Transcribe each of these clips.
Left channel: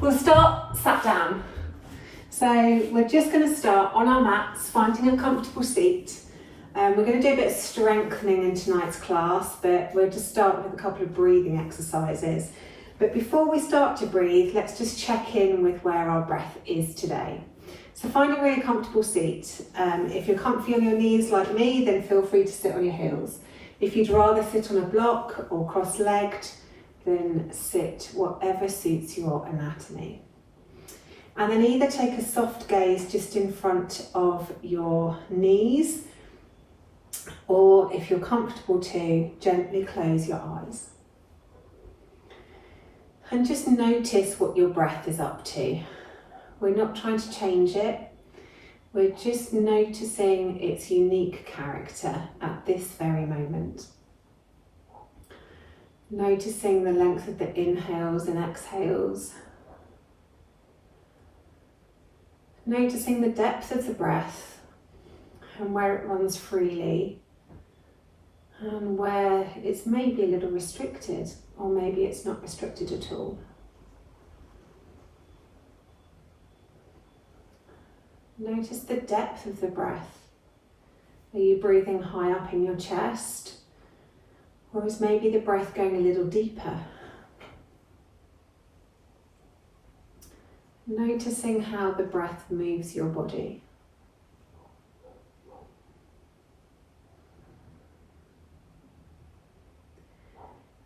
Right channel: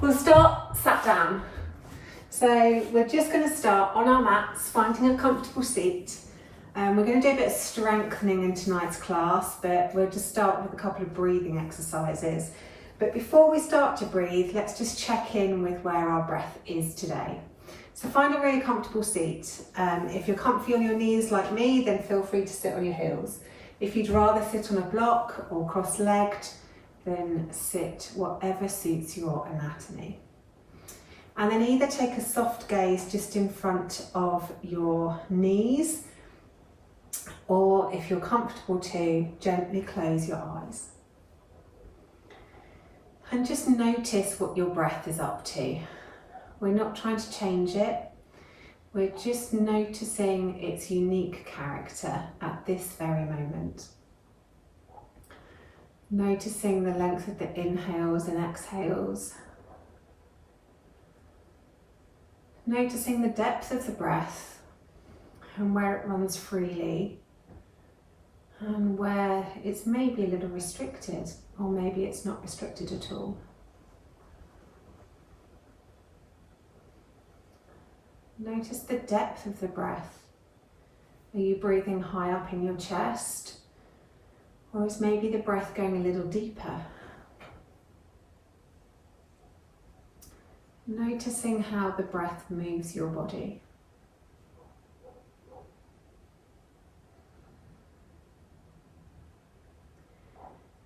We'll start sat down. So we're just going to start on our mats, finding a comfortable seat. We're going to do a bit of strengthening in tonight's class, but we'll just start with a couple of breathing exercises. But before we start to breathe, let's just check in with where our breath is today. So find a really comfortable seat. If you're comfy on your knees like me, then feel free to sit on your heels. If you'd rather sit on a block or cross-legged, then sit whatever suits your anatomy. And then either take a soft gaze just in front of your knees, or if you're comfortable to, gently close your eyes. And just notice what your breath is up to. We're not trying to change it. We're just noticing its unique character at this very moment. Noticing the length of the inhales and exhales. Noticing the depth of the breath and where it runs freely and where it's maybe a little restricted, or maybe it's not restricted at all. Notice the depth of the breath. Are you breathing high up in your chest? Or is maybe the breath going a little deeper? Noticing how the breath moves your body.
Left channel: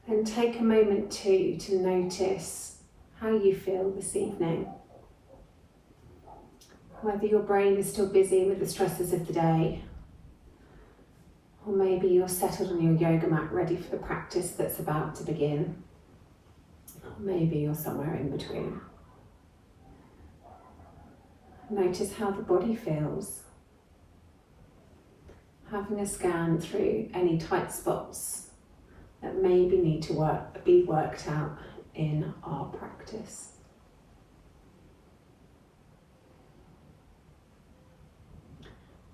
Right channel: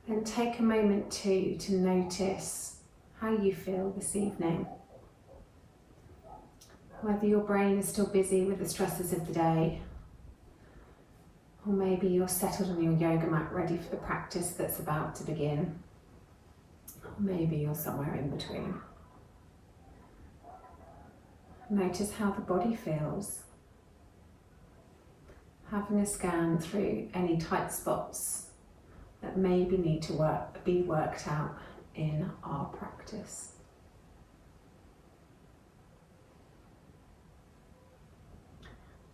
And take a moment too to notice how you feel this evening. Whether your brain is still busy with the stresses of the day, or maybe you're settled on your yoga mat ready for the practice that's about to begin. Or maybe you're somewhere in between. Notice how the body feels. Having a scan through any tight spots that maybe need to be worked out in our practice.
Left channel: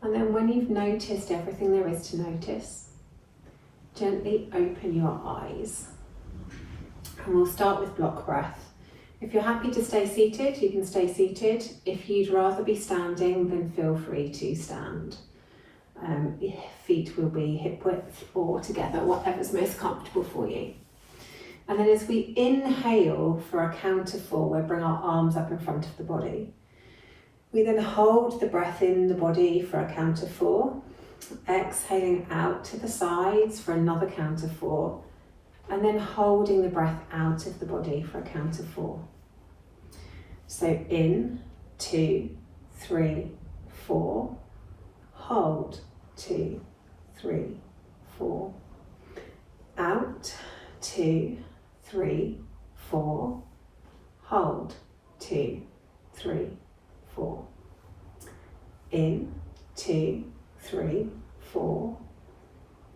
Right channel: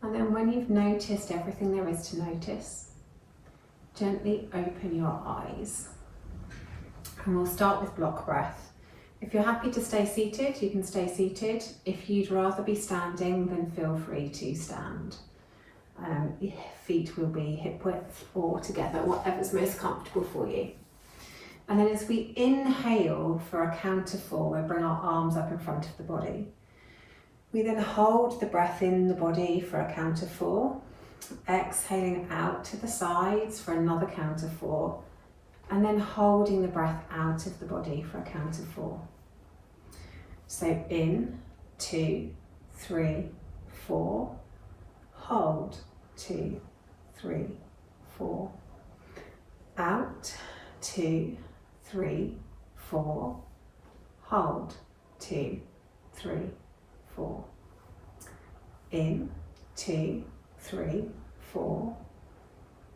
And then when you've noticed everything there is to notice, gently open your eyes. And we'll start with block breath. If you're happy to stay seated, you can stay seated. If you'd rather be standing, then feel free to stand. Your feet will be hip width or together, whatever's most comfortable for you. And then as we inhale for a count of 4, we'll bring our arms up in front of the body. We then hold the breath in the body for a count of 4, exhaling out to the sides for another count of 4, and then holding the breath out of the body for a count of 4. So in, 2, 3, 4, hold, 2, 3, 4, out, 2, 3, 4, hold, 2, 3, 4. In, 2, 3, 4.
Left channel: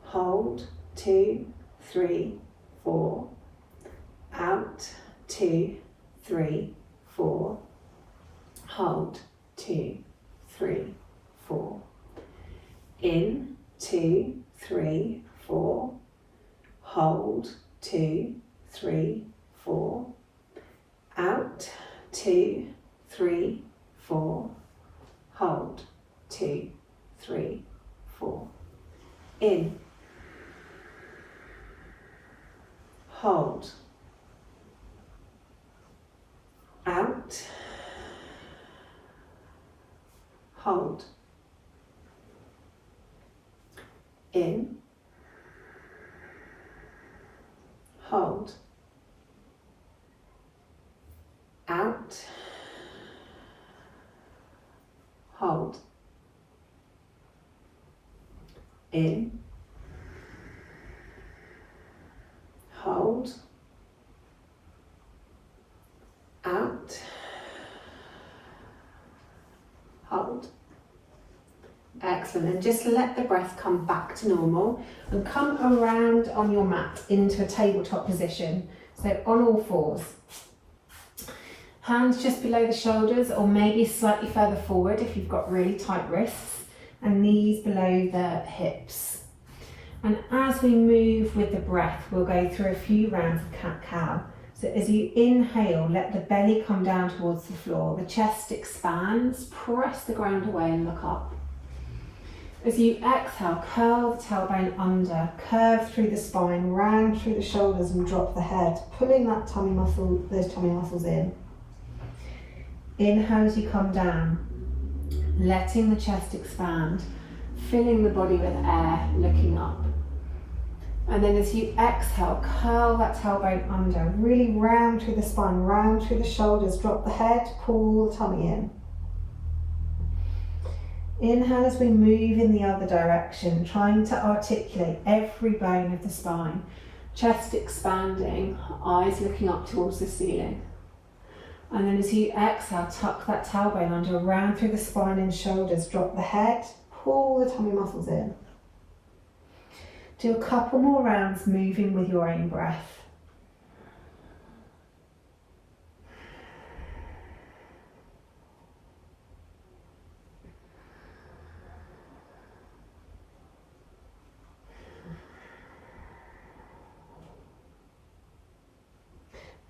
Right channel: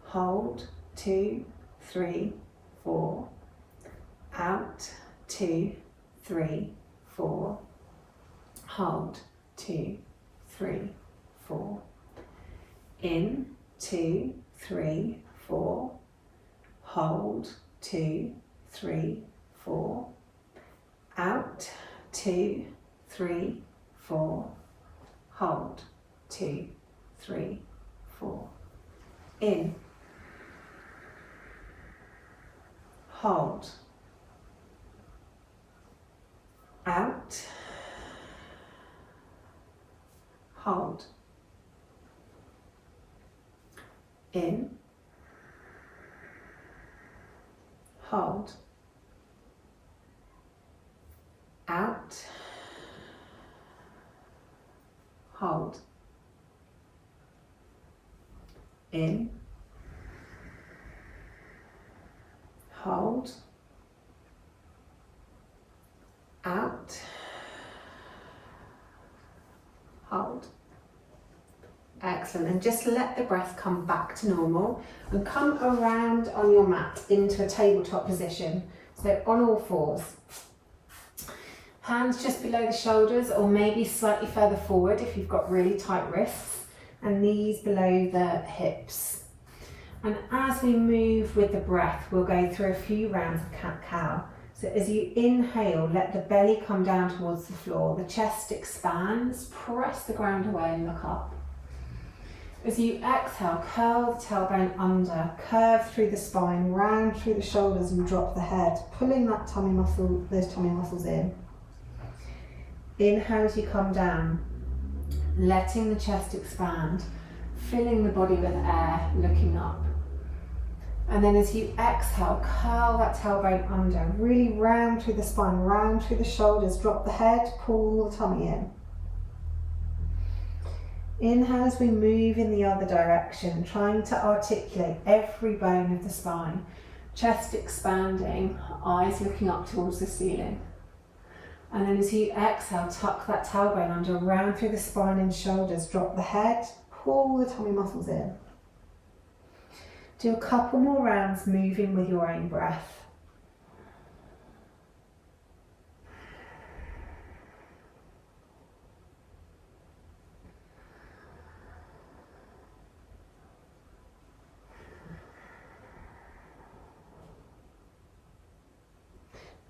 Hold, 2, 3, 4. Out, 2, 3, 4. Hold, 2, 3, 4. In, 2, 3, 4. Hold, 2, 3, 4. Out, 2, 3, 4. Hold, 2, 3, 4. In. Hold. Out. Hold. In. Hold. Out. Hold. In. Hold. Out. Hold. Excellent. And just let the breath come back to normal and come around on your mat into a tabletop position. So on all fours. Hands just below the shoulders, or maybe slightly further forward if you've got really tight wrists, and knees below the hips. And as we move with the breath, we'll go through a few rounds of cat-cow. So So as you inhale, let the belly come down towards the floor, the chest expands, press the ground away and look up. As you exhale, curl the tailbone under, curve through the spine, round through the shoulders and drop the head, pulling that tummy muscle, those tummy muscles in. Inhale as you come down, letting the chest expand, filling the body with air, looking up. And then as you exhale, curl that tailbone under, really round through the spine, round through the shoulders, drop the head, pull the tummy in. Inhale as we move in the other direction, trying to articulate every bone of the spine, chest expanding, eyes looking up towards the ceiling. And then as you exhale, tuck that tailbone under, round through the spine and shoulders, drop the head, pull the tummy muscles in. Do a couple more rounds moving with your own breath.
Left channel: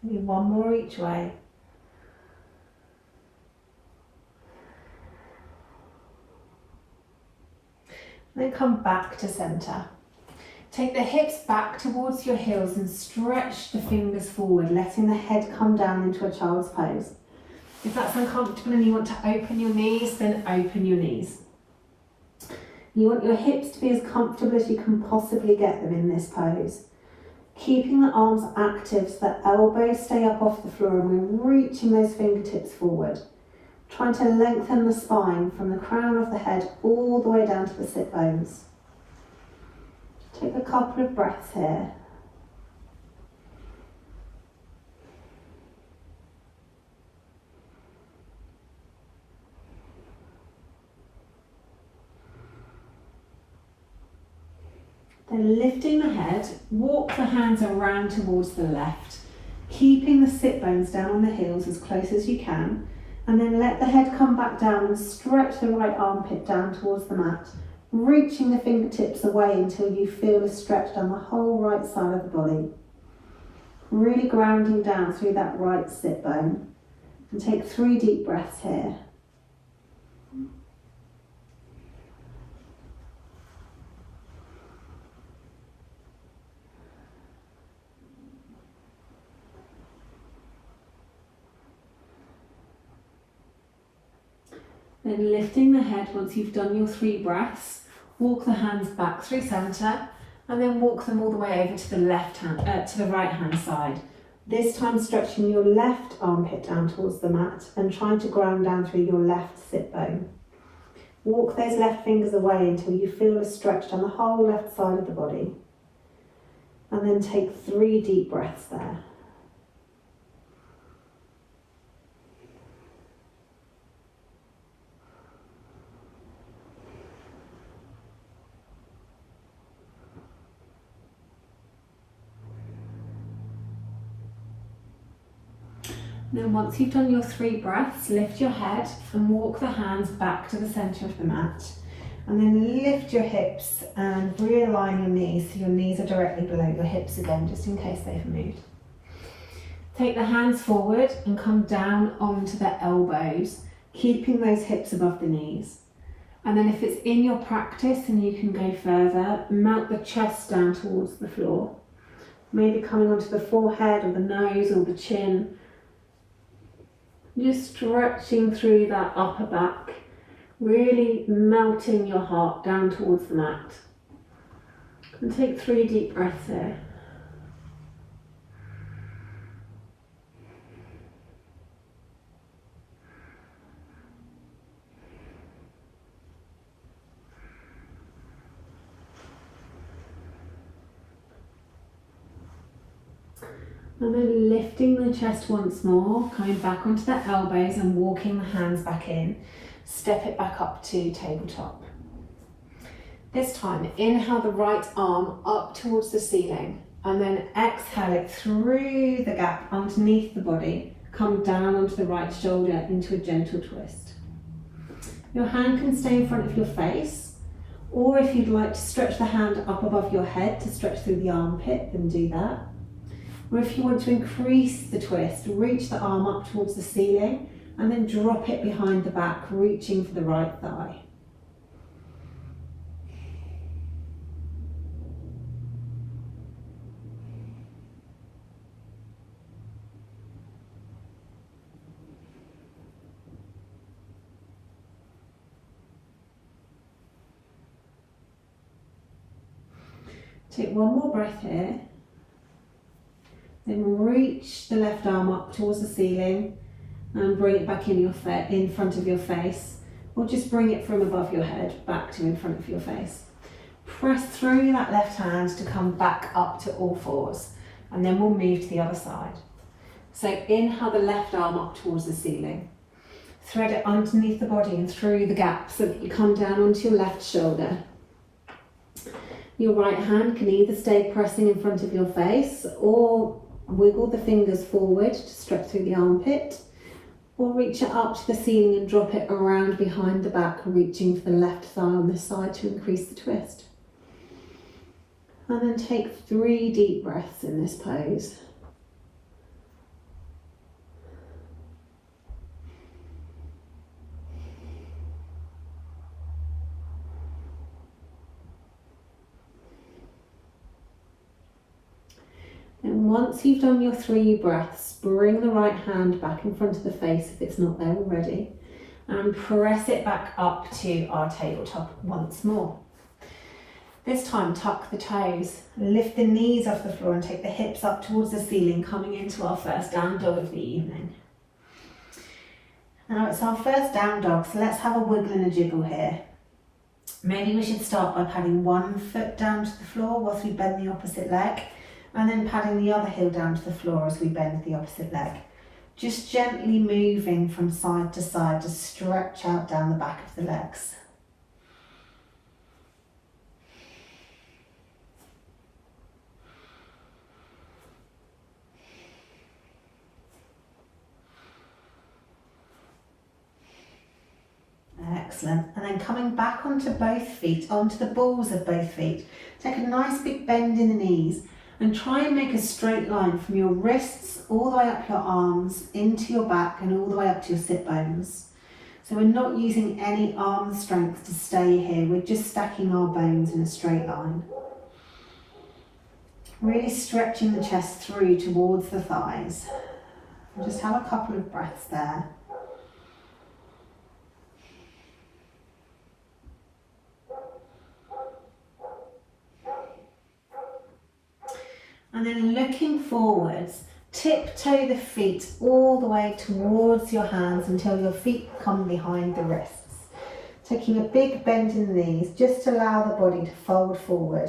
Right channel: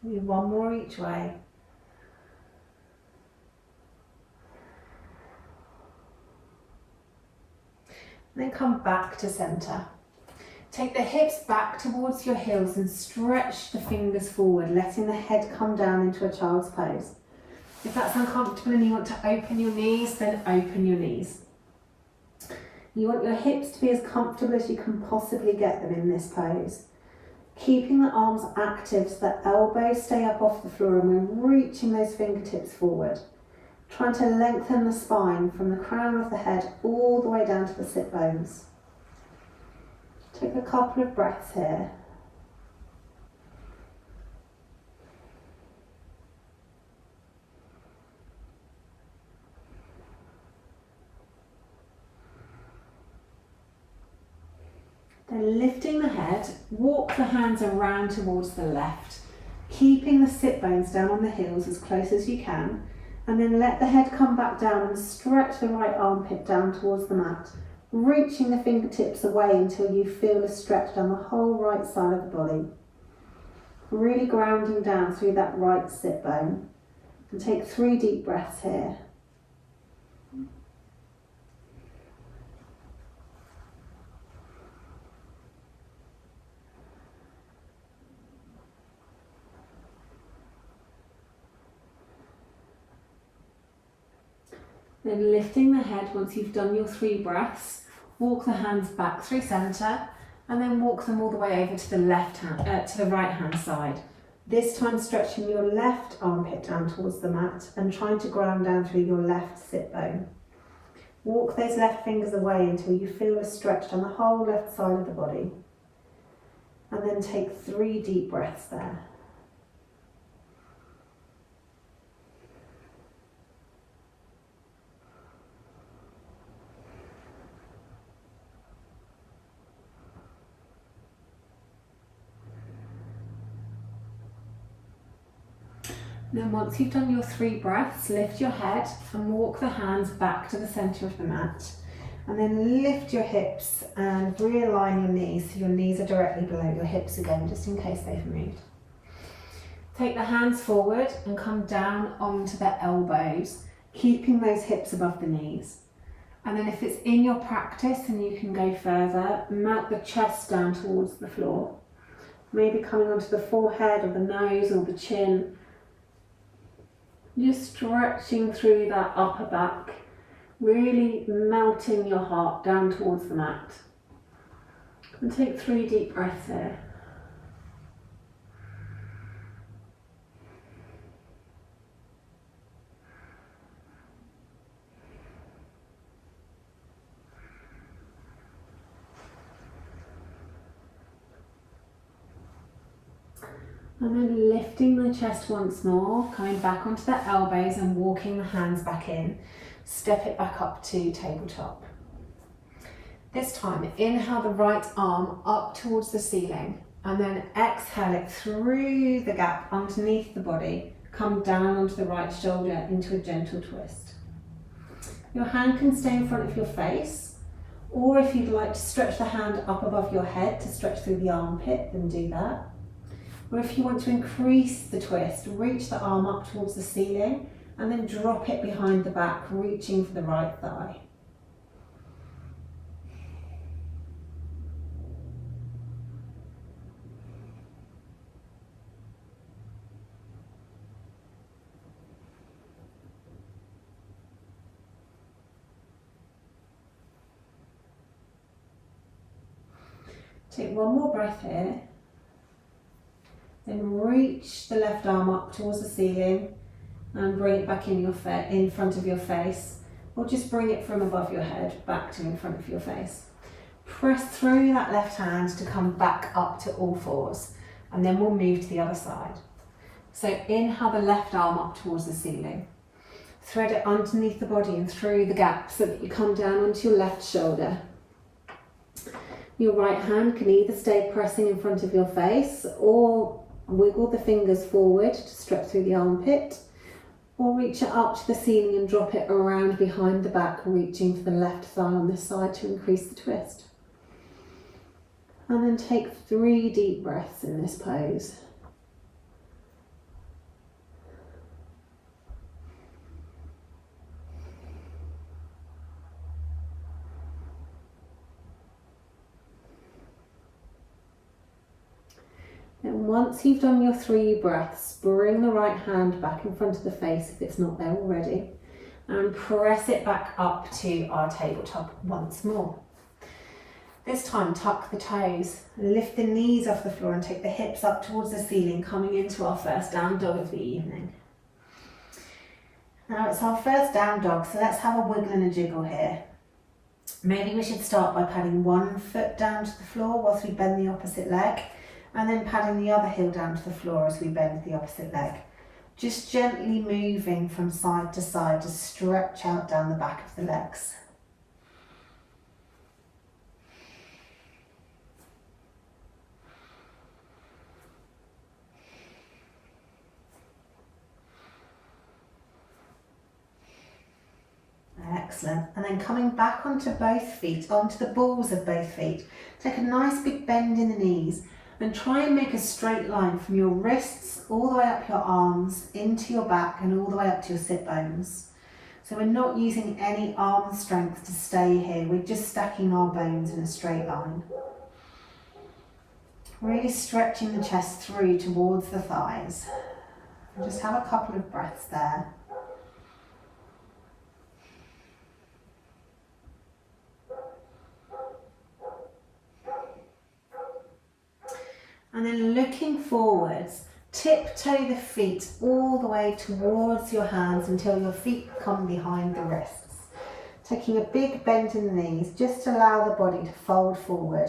Maybe one more each way. And then come back to center. Take the hips back towards your heels and stretch the fingers forward, letting the head come down into a child's pose. If that's uncomfortable and you want to open your knees, then open your knees. You want your hips to be as comfortable as you can possibly get them in this pose. Keeping the arms active so that elbows stay up off the floor and we're reaching those fingertips forward. Trying to lengthen the spine from the crown of the head all the way down to the sit bones. Take a couple of breaths here. Then lifting the head, walk the hands around towards the left, keeping the sit bones down on the heels as close as you can, and then let the head come back down and stretch the right armpit down towards the mat, reaching the fingertips away until you feel a stretch down the whole right side of the body. Really grounding down through that right sit bone. And take 3 deep breaths here. Then lifting the head once you've done your 3 breaths, walk the hands back through center and then walk them all the way over to the to the right hand side. This time stretching your left armpit down towards the mat and trying to ground down through your left sit bone. Walk those left fingers away until you feel a stretch down the whole left side of the body. And then take 3 deep breaths there. Then once you've done your 3 breaths, lift your head and walk the hands back to the centre of the mat. And then lift your hips and realign your knees so your knees are directly below your hips again, just in case they've moved. Take the hands forward and come down onto the elbows, keeping those hips above the knees. And then if it's in your practice and you can go further, melt the chest down towards the floor. Maybe coming onto the forehead or the nose or the chin. Just stretching through that upper back, really melting your heart down towards the mat. And take 3 deep breaths here. And then lifting the chest once more, coming back onto the elbows and walking the hands back in. Step it back up to tabletop. This time, inhale the right arm up towards the ceiling and then exhale it through the gap underneath the body. Come down onto the right shoulder into a gentle twist. Your hand can stay in front of your face, or if you'd like to stretch the hand up above your head to stretch through the armpit, then do that. Or if you want to increase the twist, reach the arm up towards the ceiling and then drop it behind the back, reaching for the right thigh. Take one more breath here, then reach the left arm up towards the ceiling and bring it back in front of your face, or just bring it from above your head back to in front of your face. Press through that left hand to come back up to all fours, and then we'll move to the other side. So inhale the left arm up towards the ceiling. Thread it underneath the body and through the gap so that you come down onto your left shoulder. Your right hand can either stay pressing in front of your face or wiggle the fingers forward to stretch through the armpit, or reach it up to the ceiling and drop it around behind the back, reaching for the left thigh on this side to increase the twist. And then take 3 deep breaths in this pose. And once you've done your 3 breaths, bring the right hand back in front of the face if it's not there already, and press it back up to our tabletop once more. This time, tuck the toes, lift the knees off the floor and take the hips up towards the ceiling, coming into our first down dog of the evening. Now it's our first down dog, so let's have a wiggle and a jiggle here. Maybe we should start by padding one foot down to the floor whilst we bend the opposite leg, and then padding the other heel down to the floor as we bend the opposite leg. Just gently moving from side to side to stretch out down the back of the legs. Excellent. And then coming back onto both feet, onto the balls of both feet. Take a nice big bend in the knees and try and make a straight line from your wrists all the way up your arms, into your back and all the way up to your sit bones. So we're not using any arm strength to stay here, we're just stacking our bones in a straight line. Really stretching the chest through towards the thighs. And just have a couple of breaths there. And then looking forwards, tiptoe the feet all the way towards your hands until your feet come behind the wrists. Taking a big bend in the knees, just allow the body to fold forward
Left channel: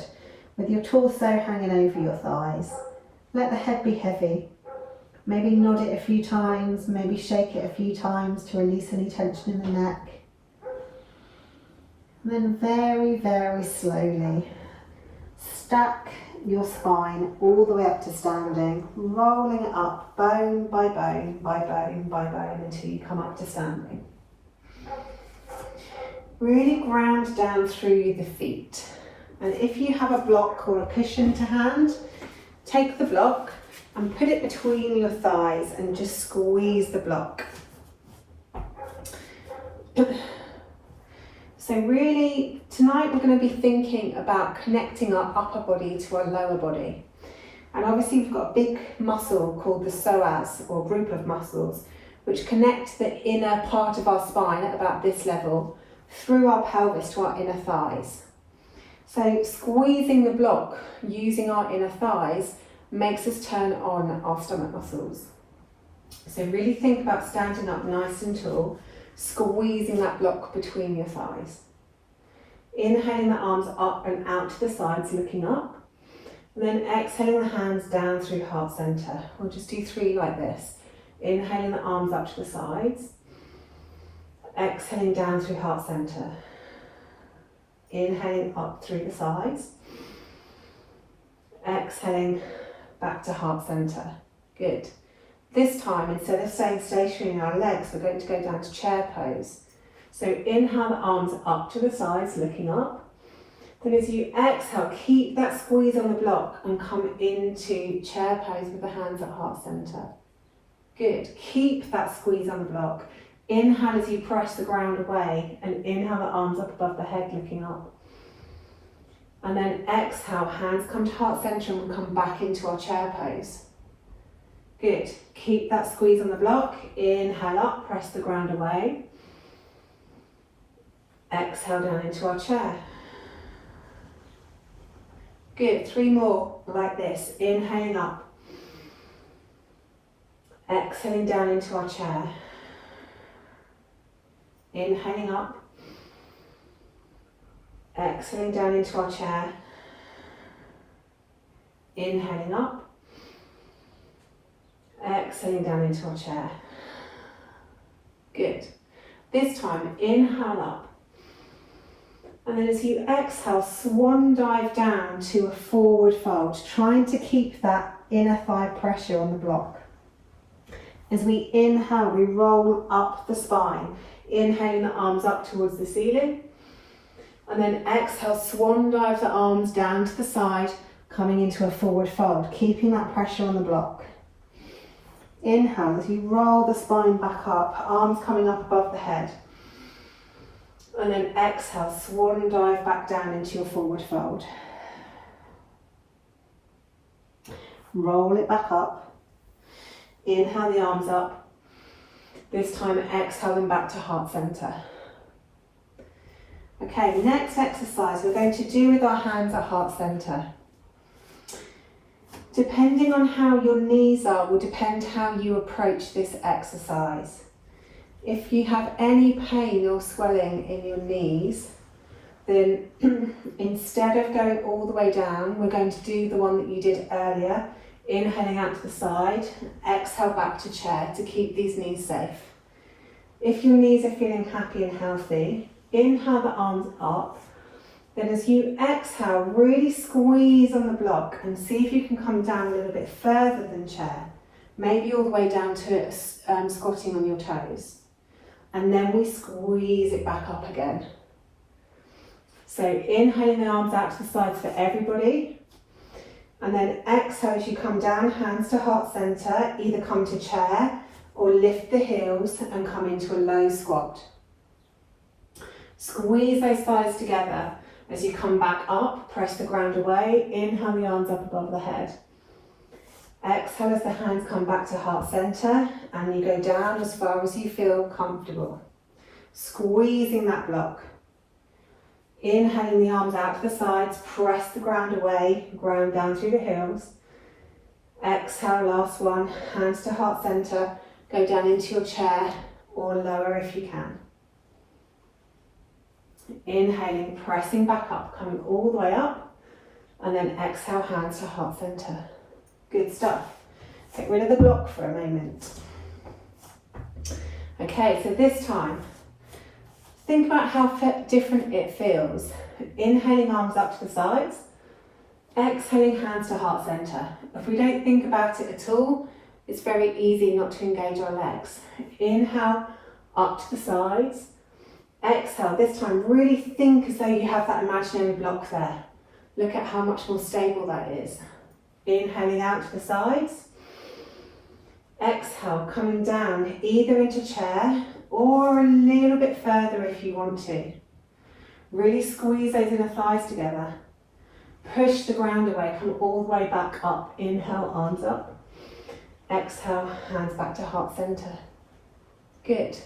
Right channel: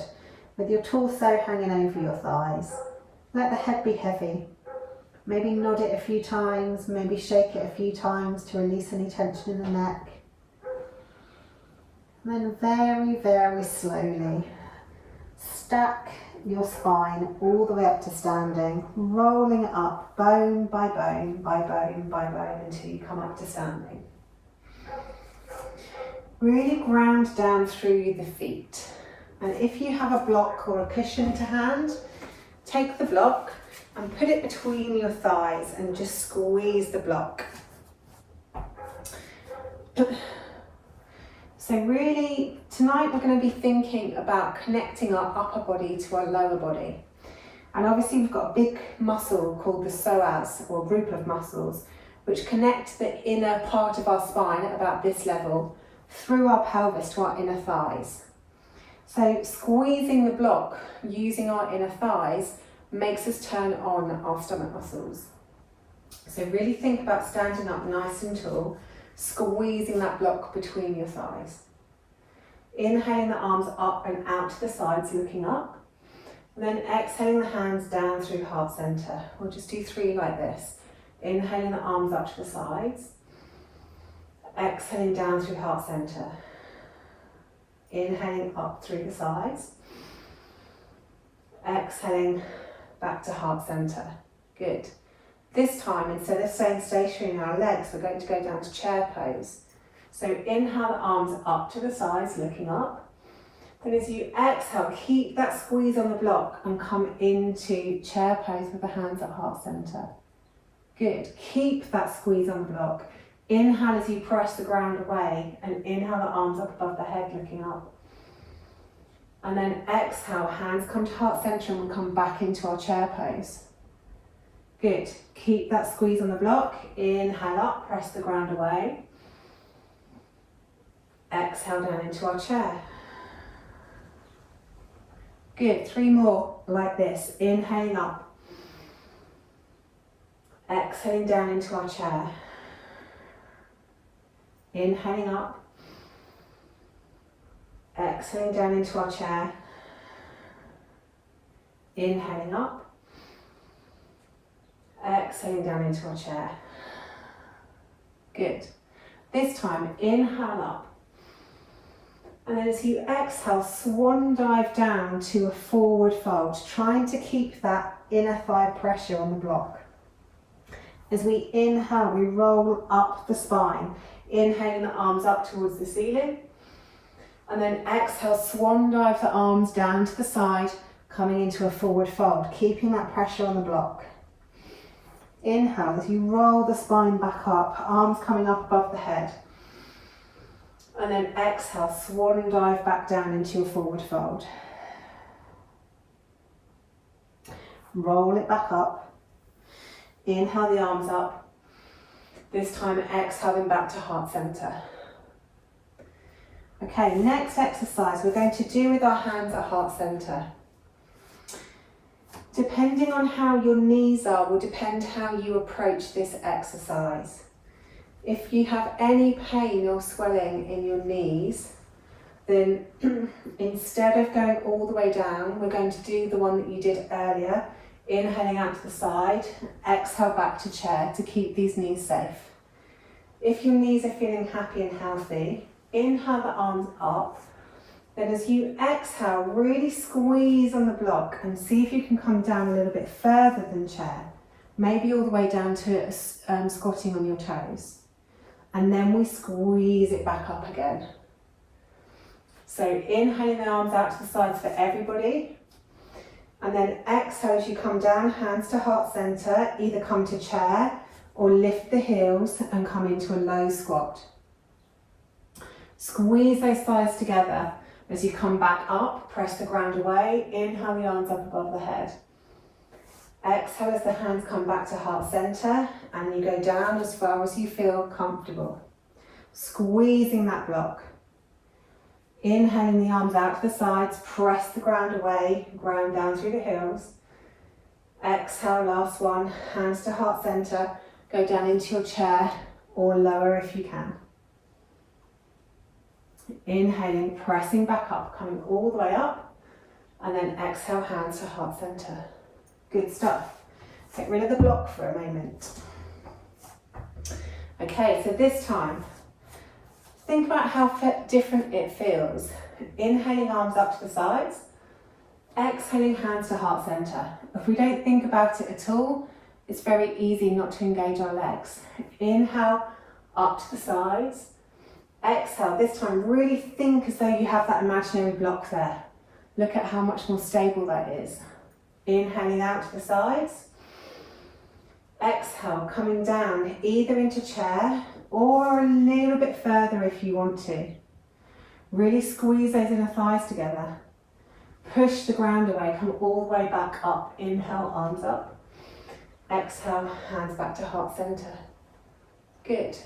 with your torso hanging over your thighs. Let the head be heavy. Maybe nod it a few times, maybe shake it a few times to release any tension in the neck. And then very, very slowly stack your spine all the way up to standing, rolling it up bone by bone by bone by bone until you come up to standing. Really ground down through the feet. And if you have a block or a cushion to hand, take the block and put it between your thighs and just squeeze the block. So really, tonight we're going to be thinking about connecting our upper body to our lower body. And obviously we've got a big muscle called the psoas, or group of muscles, which connect the inner part of our spine at about this level through our pelvis to our inner thighs. So squeezing the block using our inner thighs makes us turn on our stomach muscles. So really think about standing up nice and tall, squeezing that block between your thighs. Inhaling the arms up and out to the sides, looking up. And then exhaling the hands down through heart center. We'll just do 3 like this. Inhaling the arms up to the sides. Exhaling down through heart center. Inhaling up through the sides. Exhaling back to heart center. Good. This time, instead of staying stationary in our legs, we're going to go down to chair pose. So inhale the arms up to the sides, looking up. Then as you exhale, keep that squeeze on the block and come into chair pose with the hands at heart center. Good. Keep that squeeze on the block. Inhale as you press the ground away, and inhale the arms up above the head, looking up. And then exhale, hands come to heart center and come back into our chair pose. Good. Keep that squeeze on the block. Inhale up, press the ground away. Exhale down into our chair. Good. 3 more like this. Inhaling up. Exhaling down into our chair. Inhaling up. Exhaling down into our chair. Inhaling up. Exhaling down into our chair. Good. This time, inhale up. And then as you exhale, swan dive down to a forward fold, trying to keep that inner thigh pressure on the block. As we inhale, we roll up the spine, inhaling the arms up towards the ceiling. And then exhale, swan dive the arms down to the side, coming into a forward fold, keeping that pressure on the block. Inhale, as you roll the spine back up, arms coming up above the head. And then exhale, swan dive back down into your forward fold. Roll it back up. Inhale the arms up. This time exhale them back to heart center. Okay, next exercise we're going to do with our hands at heart center. Depending on how your knees are will depend how you approach this exercise. If you have any pain or swelling in your knees, then instead of going all the way down, we're going to do the one that you did earlier, inhaling out to the side, exhale back to chair to keep these knees safe. If your knees are feeling happy and healthy, inhale the arms up. Then as you exhale, really squeeze on the block and see if you can come down a little bit further than chair, maybe all the way down to squatting on your toes. And then we squeeze it back up again. So inhaling the arms out to the sides for everybody. And then exhale as you come down, hands to heart center, either come to chair or lift the heels and come into a low squat. Squeeze those thighs together. As you come back up, press the ground away, inhale the arms up above the head. Exhale as the hands come back to heart center and you go down as far as you feel comfortable. Squeezing that block. Inhaling the arms out to the sides, press the ground away, ground down through the heels. Exhale, last one, hands to heart center, go down into your chair or lower if you can. Inhaling, pressing back up, coming all the way up, and then exhale, hands to heart center. Good stuff. Get rid of the block for a moment. Okay, so this time, think about how different it feels. Inhaling arms up to the sides, exhaling hands to heart center. If we don't think about it at all, it's very easy not to engage our legs. Inhale up to the sides, exhale. This time, really think as though you have that imaginary block there. Look at how much more stable that is. Inhaling out to the sides. Exhale, coming down either into chair or a little bit further if you want to. Really squeeze those inner thighs together. Push the ground away, come all the way back up. Inhale, arms up. Exhale, hands back to heart center. Good.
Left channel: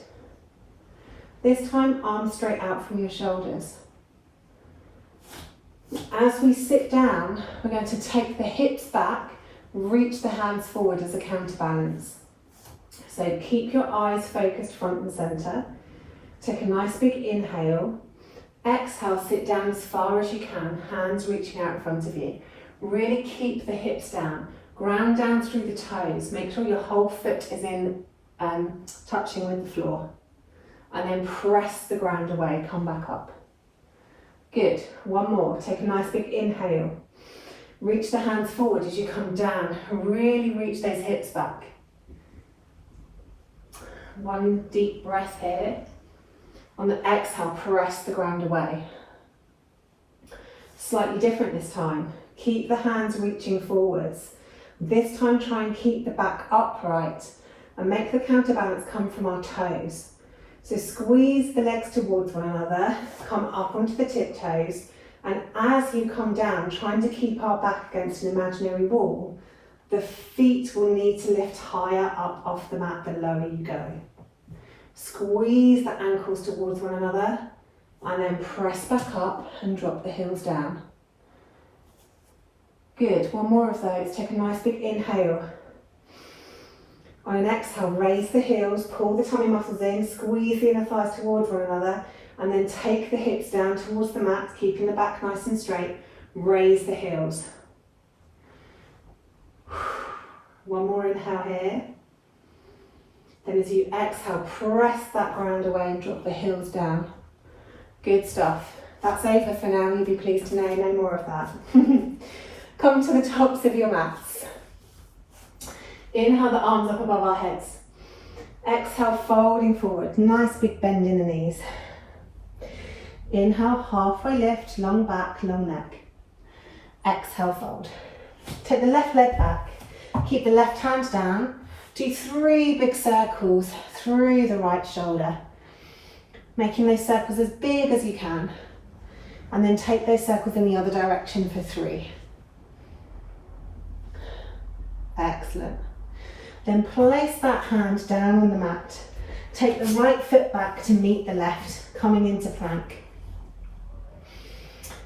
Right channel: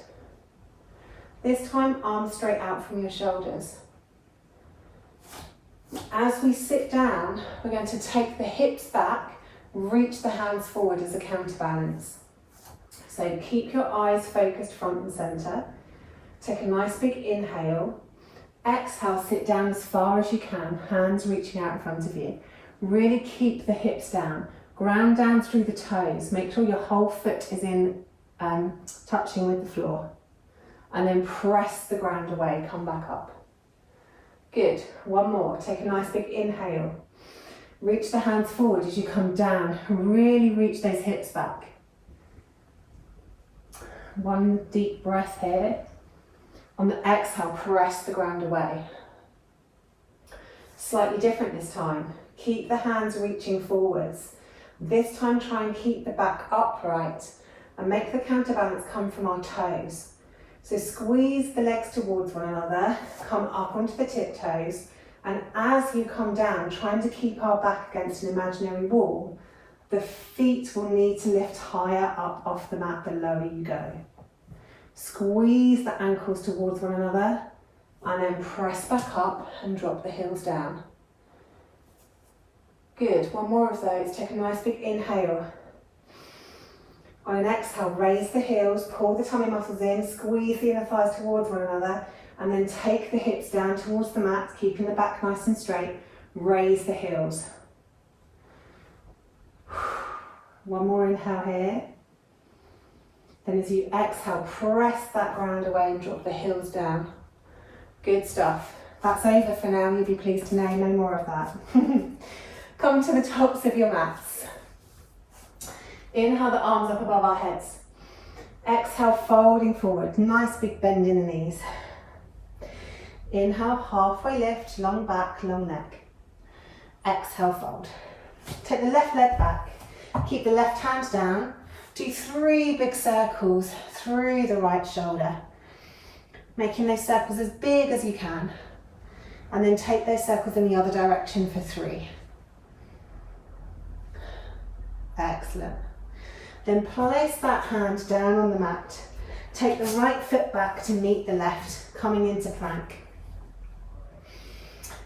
This time, arms straight out from your shoulders. As we sit down, we're going to take the hips back, reach the hands forward as a counterbalance. So keep your eyes focused front and center. Take a nice big inhale. Exhale, sit down as far as you can, hands reaching out in front of you. Really keep the hips down. Ground down through the toes. Make sure your whole foot is in touching with the floor. And then press the ground away, come back up. Good, one more, take a nice big inhale. Reach the hands forward as you come down, really reach those hips back. One deep breath here. On the exhale, press the ground away. Slightly different this time. Keep the hands reaching forwards. This time try and keep the back upright and make the counterbalance come from our toes. So squeeze the legs towards one another, come up onto the tiptoes, and as you come down, trying to keep our back against an imaginary wall, the feet will need to lift higher up off the mat the lower you go. Squeeze the ankles towards one another and then press back up and drop the heels down. Good, one more of those. Take a nice big inhale. On an exhale, raise the heels, pull the tummy muscles in, squeeze the inner thighs towards one another, and then take the hips down towards the mat, keeping the back nice and straight. Raise the heels. One more inhale here. Then as you exhale, press that ground away and drop the heels down. Good stuff. That's over for now, you'll be pleased to know, no more of that. Come to the tops of your mats. Inhale the arms up above our heads. Exhale, folding forward. Nice big bend in the knees. Inhale, halfway lift, long back, long neck. Exhale, fold. Take the left leg back. Keep the left hand down. Do 3 big circles through the right shoulder. Making those circles as big as you can. And then take those circles in the other direction for 3. Excellent. Then place that hand down on the mat. Take the right foot back to meet the left, coming into plank.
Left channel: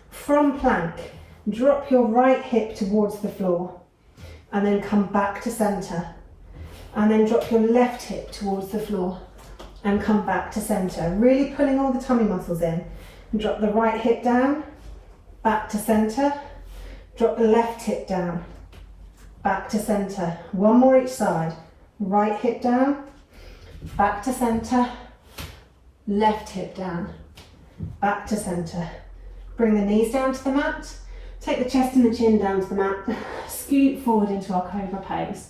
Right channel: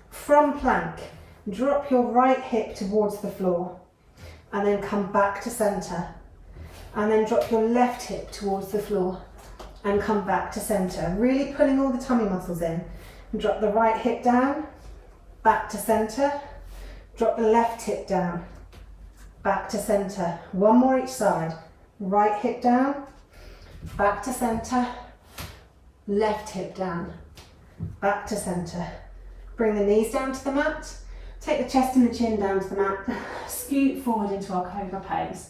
From plank, drop your right hip towards the floor and then come back to center. And then drop your left hip towards the floor and come back to center. Really pulling all the tummy muscles in. Drop the right hip down, back to center. Drop the left hip down, back to center. One more each side. Right hip down, back to center. Left hip down, back to center. Bring the knees down to the mat. Take the chest and the chin down to the mat. Scoot forward into our Cobra Pose.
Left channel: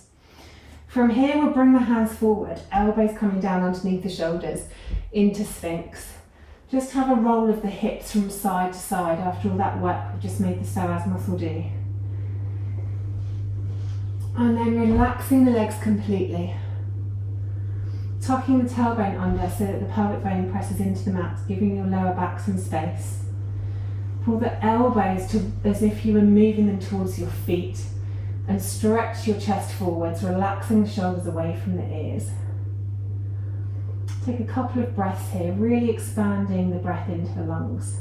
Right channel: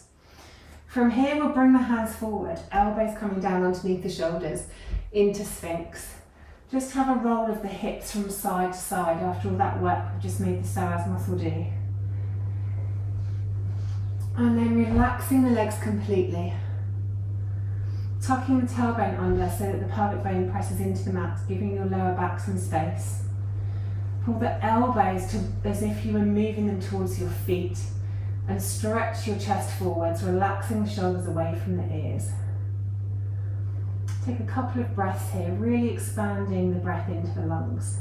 From here, we'll bring the hands forward, elbows coming down underneath the shoulders into Sphinx. Just have a roll of the hips from side to side after all that work we've just made the psoas muscle do. And then relaxing the legs completely. Tucking the tailbone under so that the pelvic bone presses into the mat, giving your lower back some space. Pull the elbows to as if you were moving them towards your feet and stretch your chest forwards, relaxing the shoulders away from the ears. Take a couple of breaths here, really expanding the breath into the lungs.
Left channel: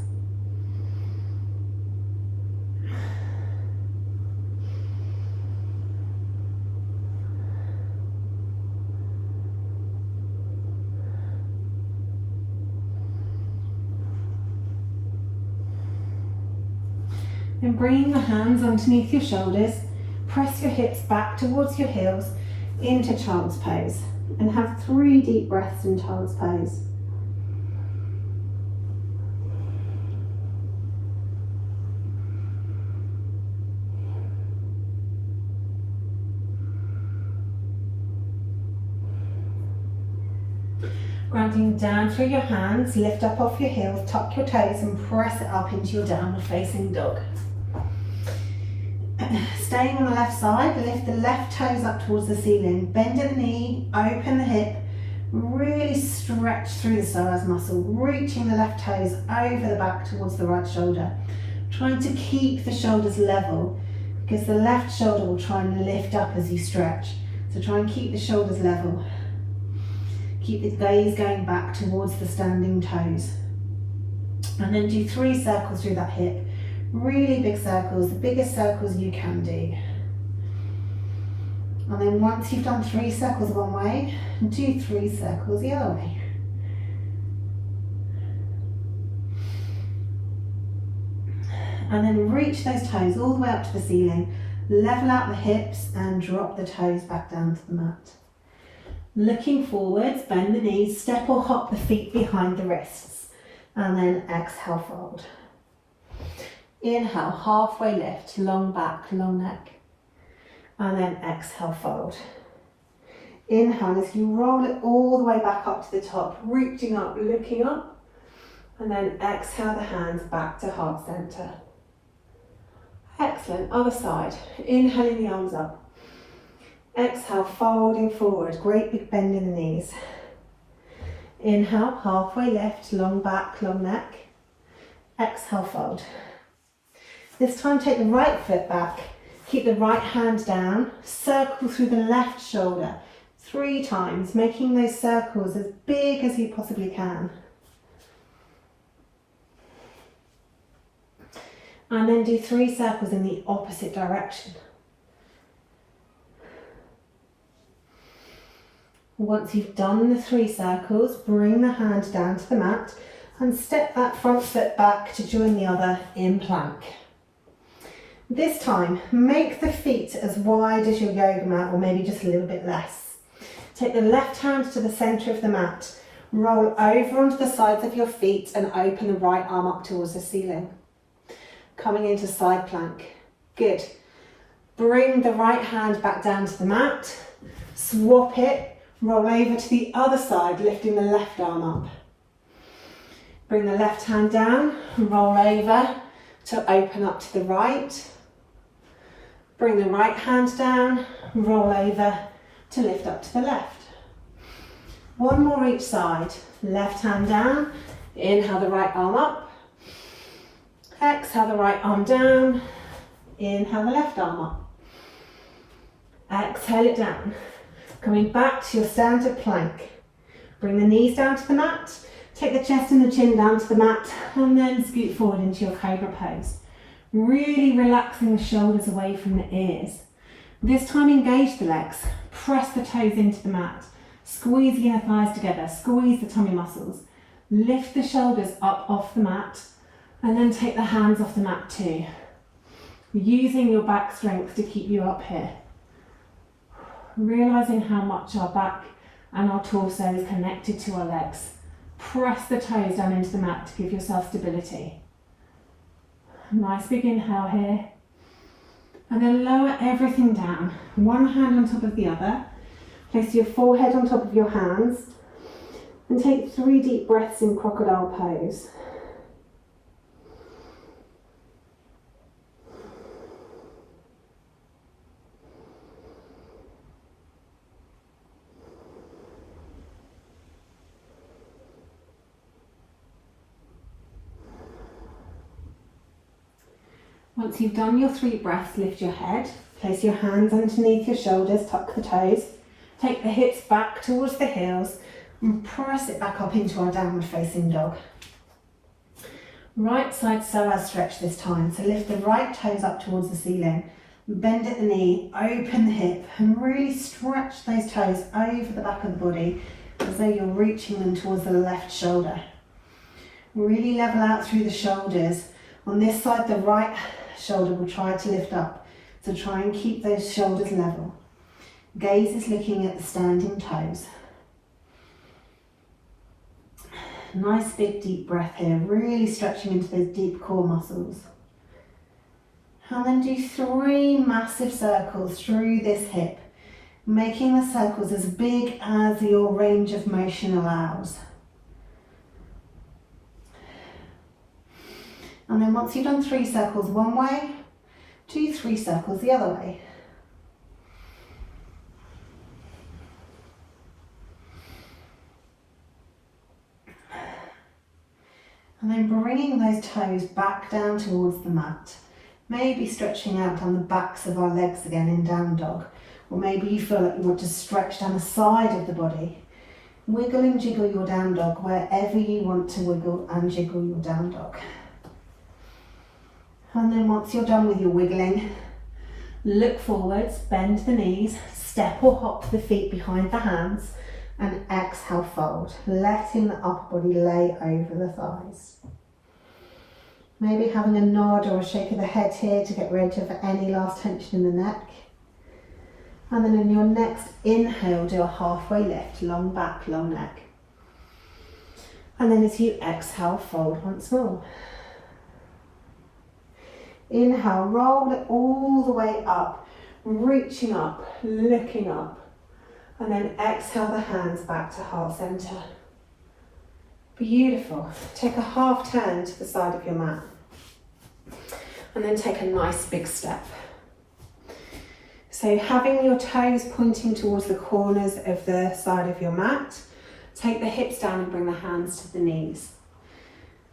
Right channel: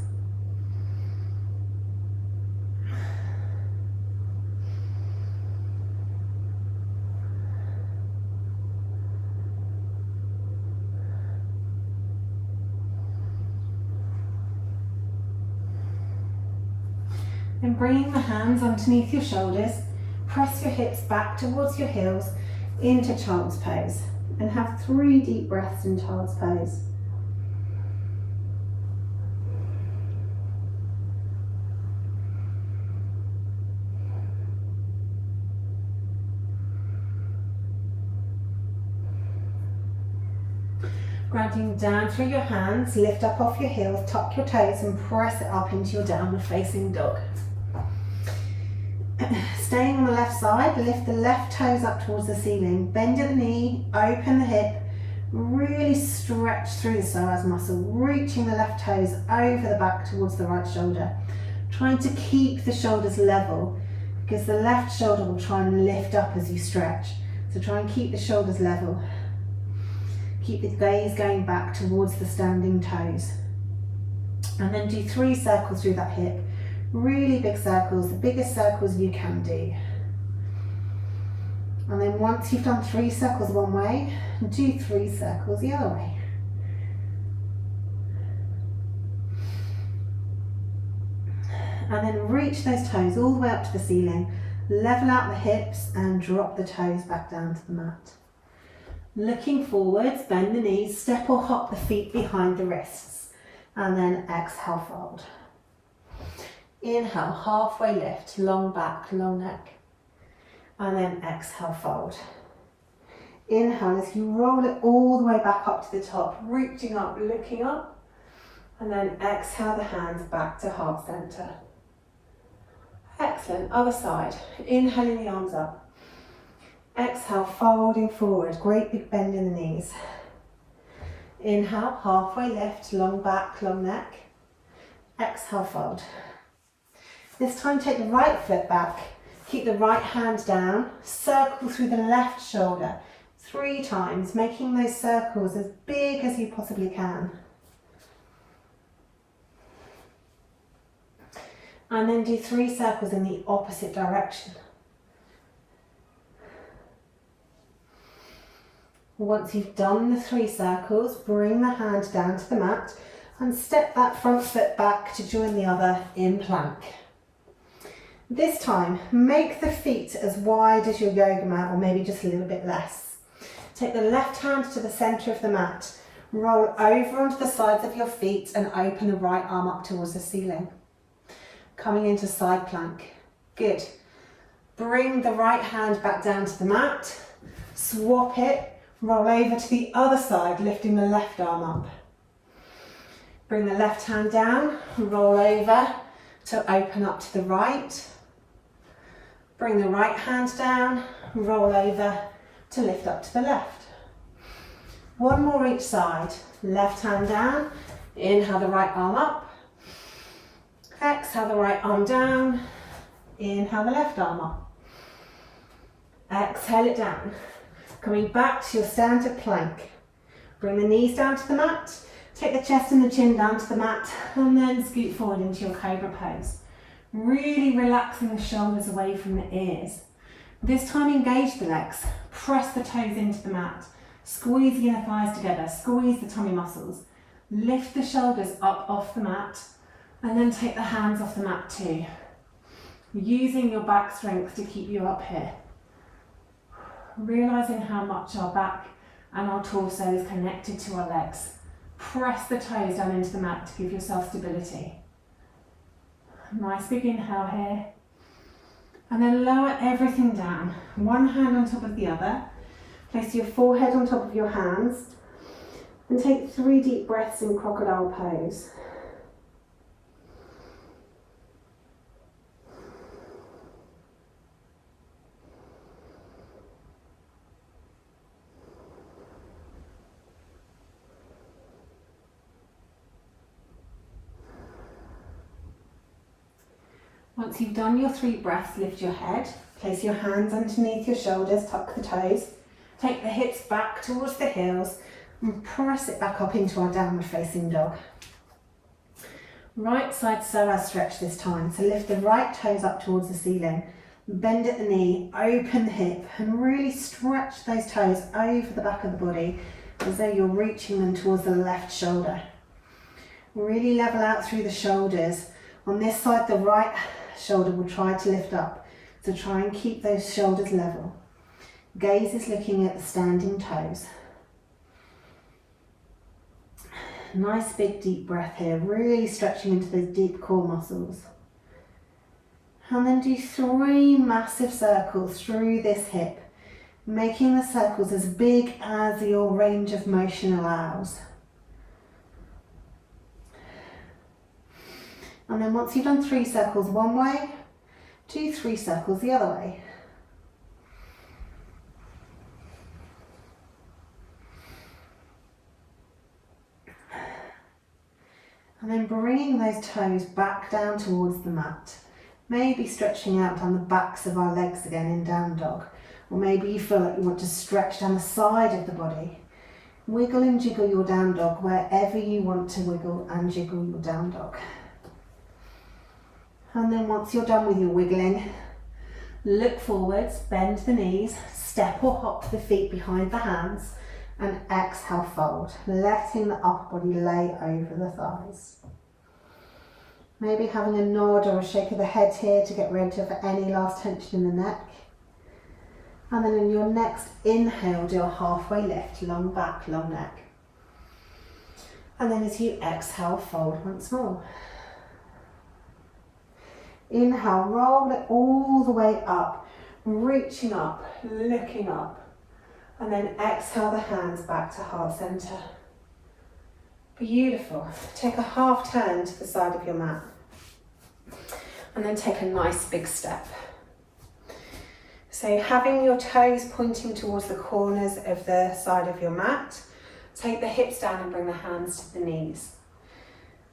Then bringing the hands underneath your shoulders, press your hips back towards your heels into Child's Pose and have 3 deep breaths in Child's Pose. Grounding down through your hands, lift up off your heels, tuck your toes and press it up into your downward facing dog. Staying on the left side, lift the left toes up towards the ceiling, bend at the knee, open the hip, really stretch through the psoas muscle, reaching the left toes over the back towards the right shoulder, trying to keep the shoulders level because the left shoulder will try and lift up as you stretch. So try and keep the shoulders level. Keep the gaze going back towards the standing toes. And then do 3 circles through that hip. Really big circles, the biggest circles you can do. And then once you've done 3 circles one way, do 3 circles the other way. And then reach those toes all the way up to the ceiling, level out the hips and drop the toes back down to the mat. Looking forwards, bend the knees, step or hop the feet behind the wrists, and then exhale, fold. Inhale, halfway lift, long back, long neck, and then exhale, fold. Inhale as you roll it all the way back up to the top, reaching up, looking up, and then exhale the hands back to heart center. Excellent, other side. Inhaling the arms up. Exhale, folding forward, great big bend in the knees. Inhale, halfway lift, long back, long neck. Exhale, fold. This time take the right foot back, keep the right hand down, circle through the left shoulder 3 times, making those circles as big as you possibly can. And then do 3 circles in the opposite direction. Once you've done the 3 circles, bring the hand down to the mat and step that front foot back to join the other in plank. This time, make the feet as wide as your yoga mat, or maybe just a little bit less. Take the left hand to the centre of the mat, roll over onto the sides of your feet and open the right arm up towards the ceiling. Coming into side plank. Good. Bring the right hand back down to the mat, swap it, roll over to the other side, lifting the left arm up. Bring the left hand down, roll over to open up to the right. Bring the right hand down, roll over to lift up to the left. One more each side. Left hand down, inhale the right arm up. Exhale the right arm down, inhale the left arm up. Exhale it down. Coming back to your standard plank. Bring the knees down to the mat, take the chest and the chin down to the mat, and then scoot forward into your cobra pose. Really relaxing the shoulders away from the ears. This time engage the legs, press the toes into the mat, squeeze the inner thighs together, squeeze the tummy muscles, lift the shoulders up off the mat, and then take the hands off the mat too. Using your back strength to keep you up here. Realising how much our back and our torso is connected to our legs. Press the toes down into the mat to give yourself stability. Nice big inhale here. And then lower everything down. One hand on top of the other. Place your forehead on top of your hands. And take 3 deep breaths in Crocodile Pose. Once you've done your 3 breaths, lift your head, place your hands underneath your shoulders, tuck the toes, take the hips back towards the heels and press it back up into our downward facing dog. Right side psoas stretch this time, so lift the right toes up towards the ceiling, bend at the knee, open the hip and really stretch those toes over the back of the body as though you're reaching them towards the left shoulder. Really level out through the shoulders. On this side, the right shoulder will try to lift up, so try and keep those shoulders level. Gaze is looking at the standing toes. Nice big deep breath here, really stretching into those deep core muscles. And then do 3 massive circles through this hip, making the circles as big as your range of motion allows. And then once you've done 3 circles one way, do 3 circles the other way. And then bringing those toes back down towards the mat. Maybe stretching out on the backs of our legs again in down dog. Or maybe you feel like you want to stretch down the side of the body. Wiggle and jiggle your down dog wherever you want to wiggle and jiggle your down dog. And then once you're done with your wiggling, look forwards, bend the knees, step or hop the feet behind the hands, and exhale, fold, letting the upper body lay over the thighs. Maybe having a nod or a shake of the head here to get rid of any last tension in the neck. And then in your next inhale, do a halfway lift, long back, long neck. And then as you exhale, fold once more. Inhale, roll it all the way up, reaching up, looking up. And then exhale the hands back to heart center. Beautiful. Take a half turn to the side of your mat. And then take a nice big step. So having your toes pointing towards the corners of the side of your mat, take the hips down and bring the hands to the knees.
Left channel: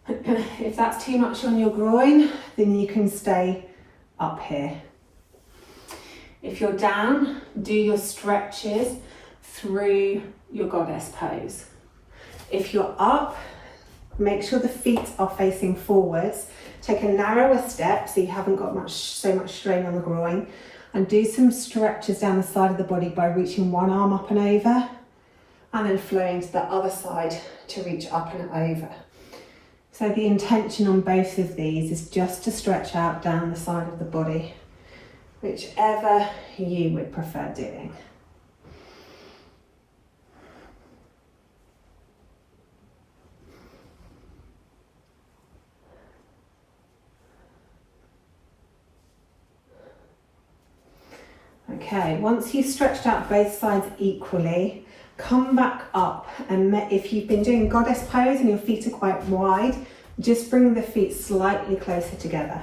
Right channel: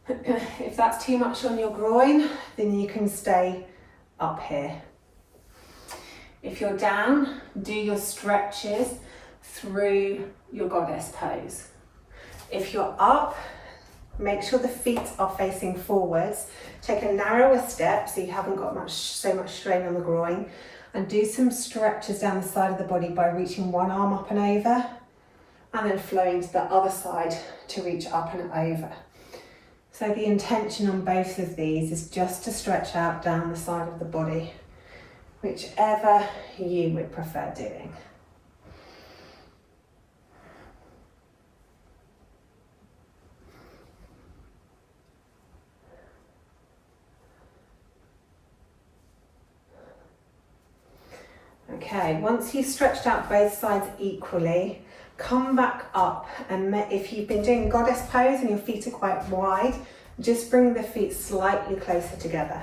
If that's too much on your groin, then you can stay up here. If you're down, do your stretches through your goddess pose. If you're up, make sure the feet are facing forwards. Take a narrower step so you haven't got so much strain on the groin, and do some stretches down the side of the body by reaching one arm up and over, and then flowing to the other side to reach up and over. So the intention on both of these is just to stretch out down the side of the body, whichever you would prefer doing. Okay, once you've stretched out both sides equally, come back up, and if you've been doing goddess pose and your feet are quite wide, just bring the feet slightly closer together.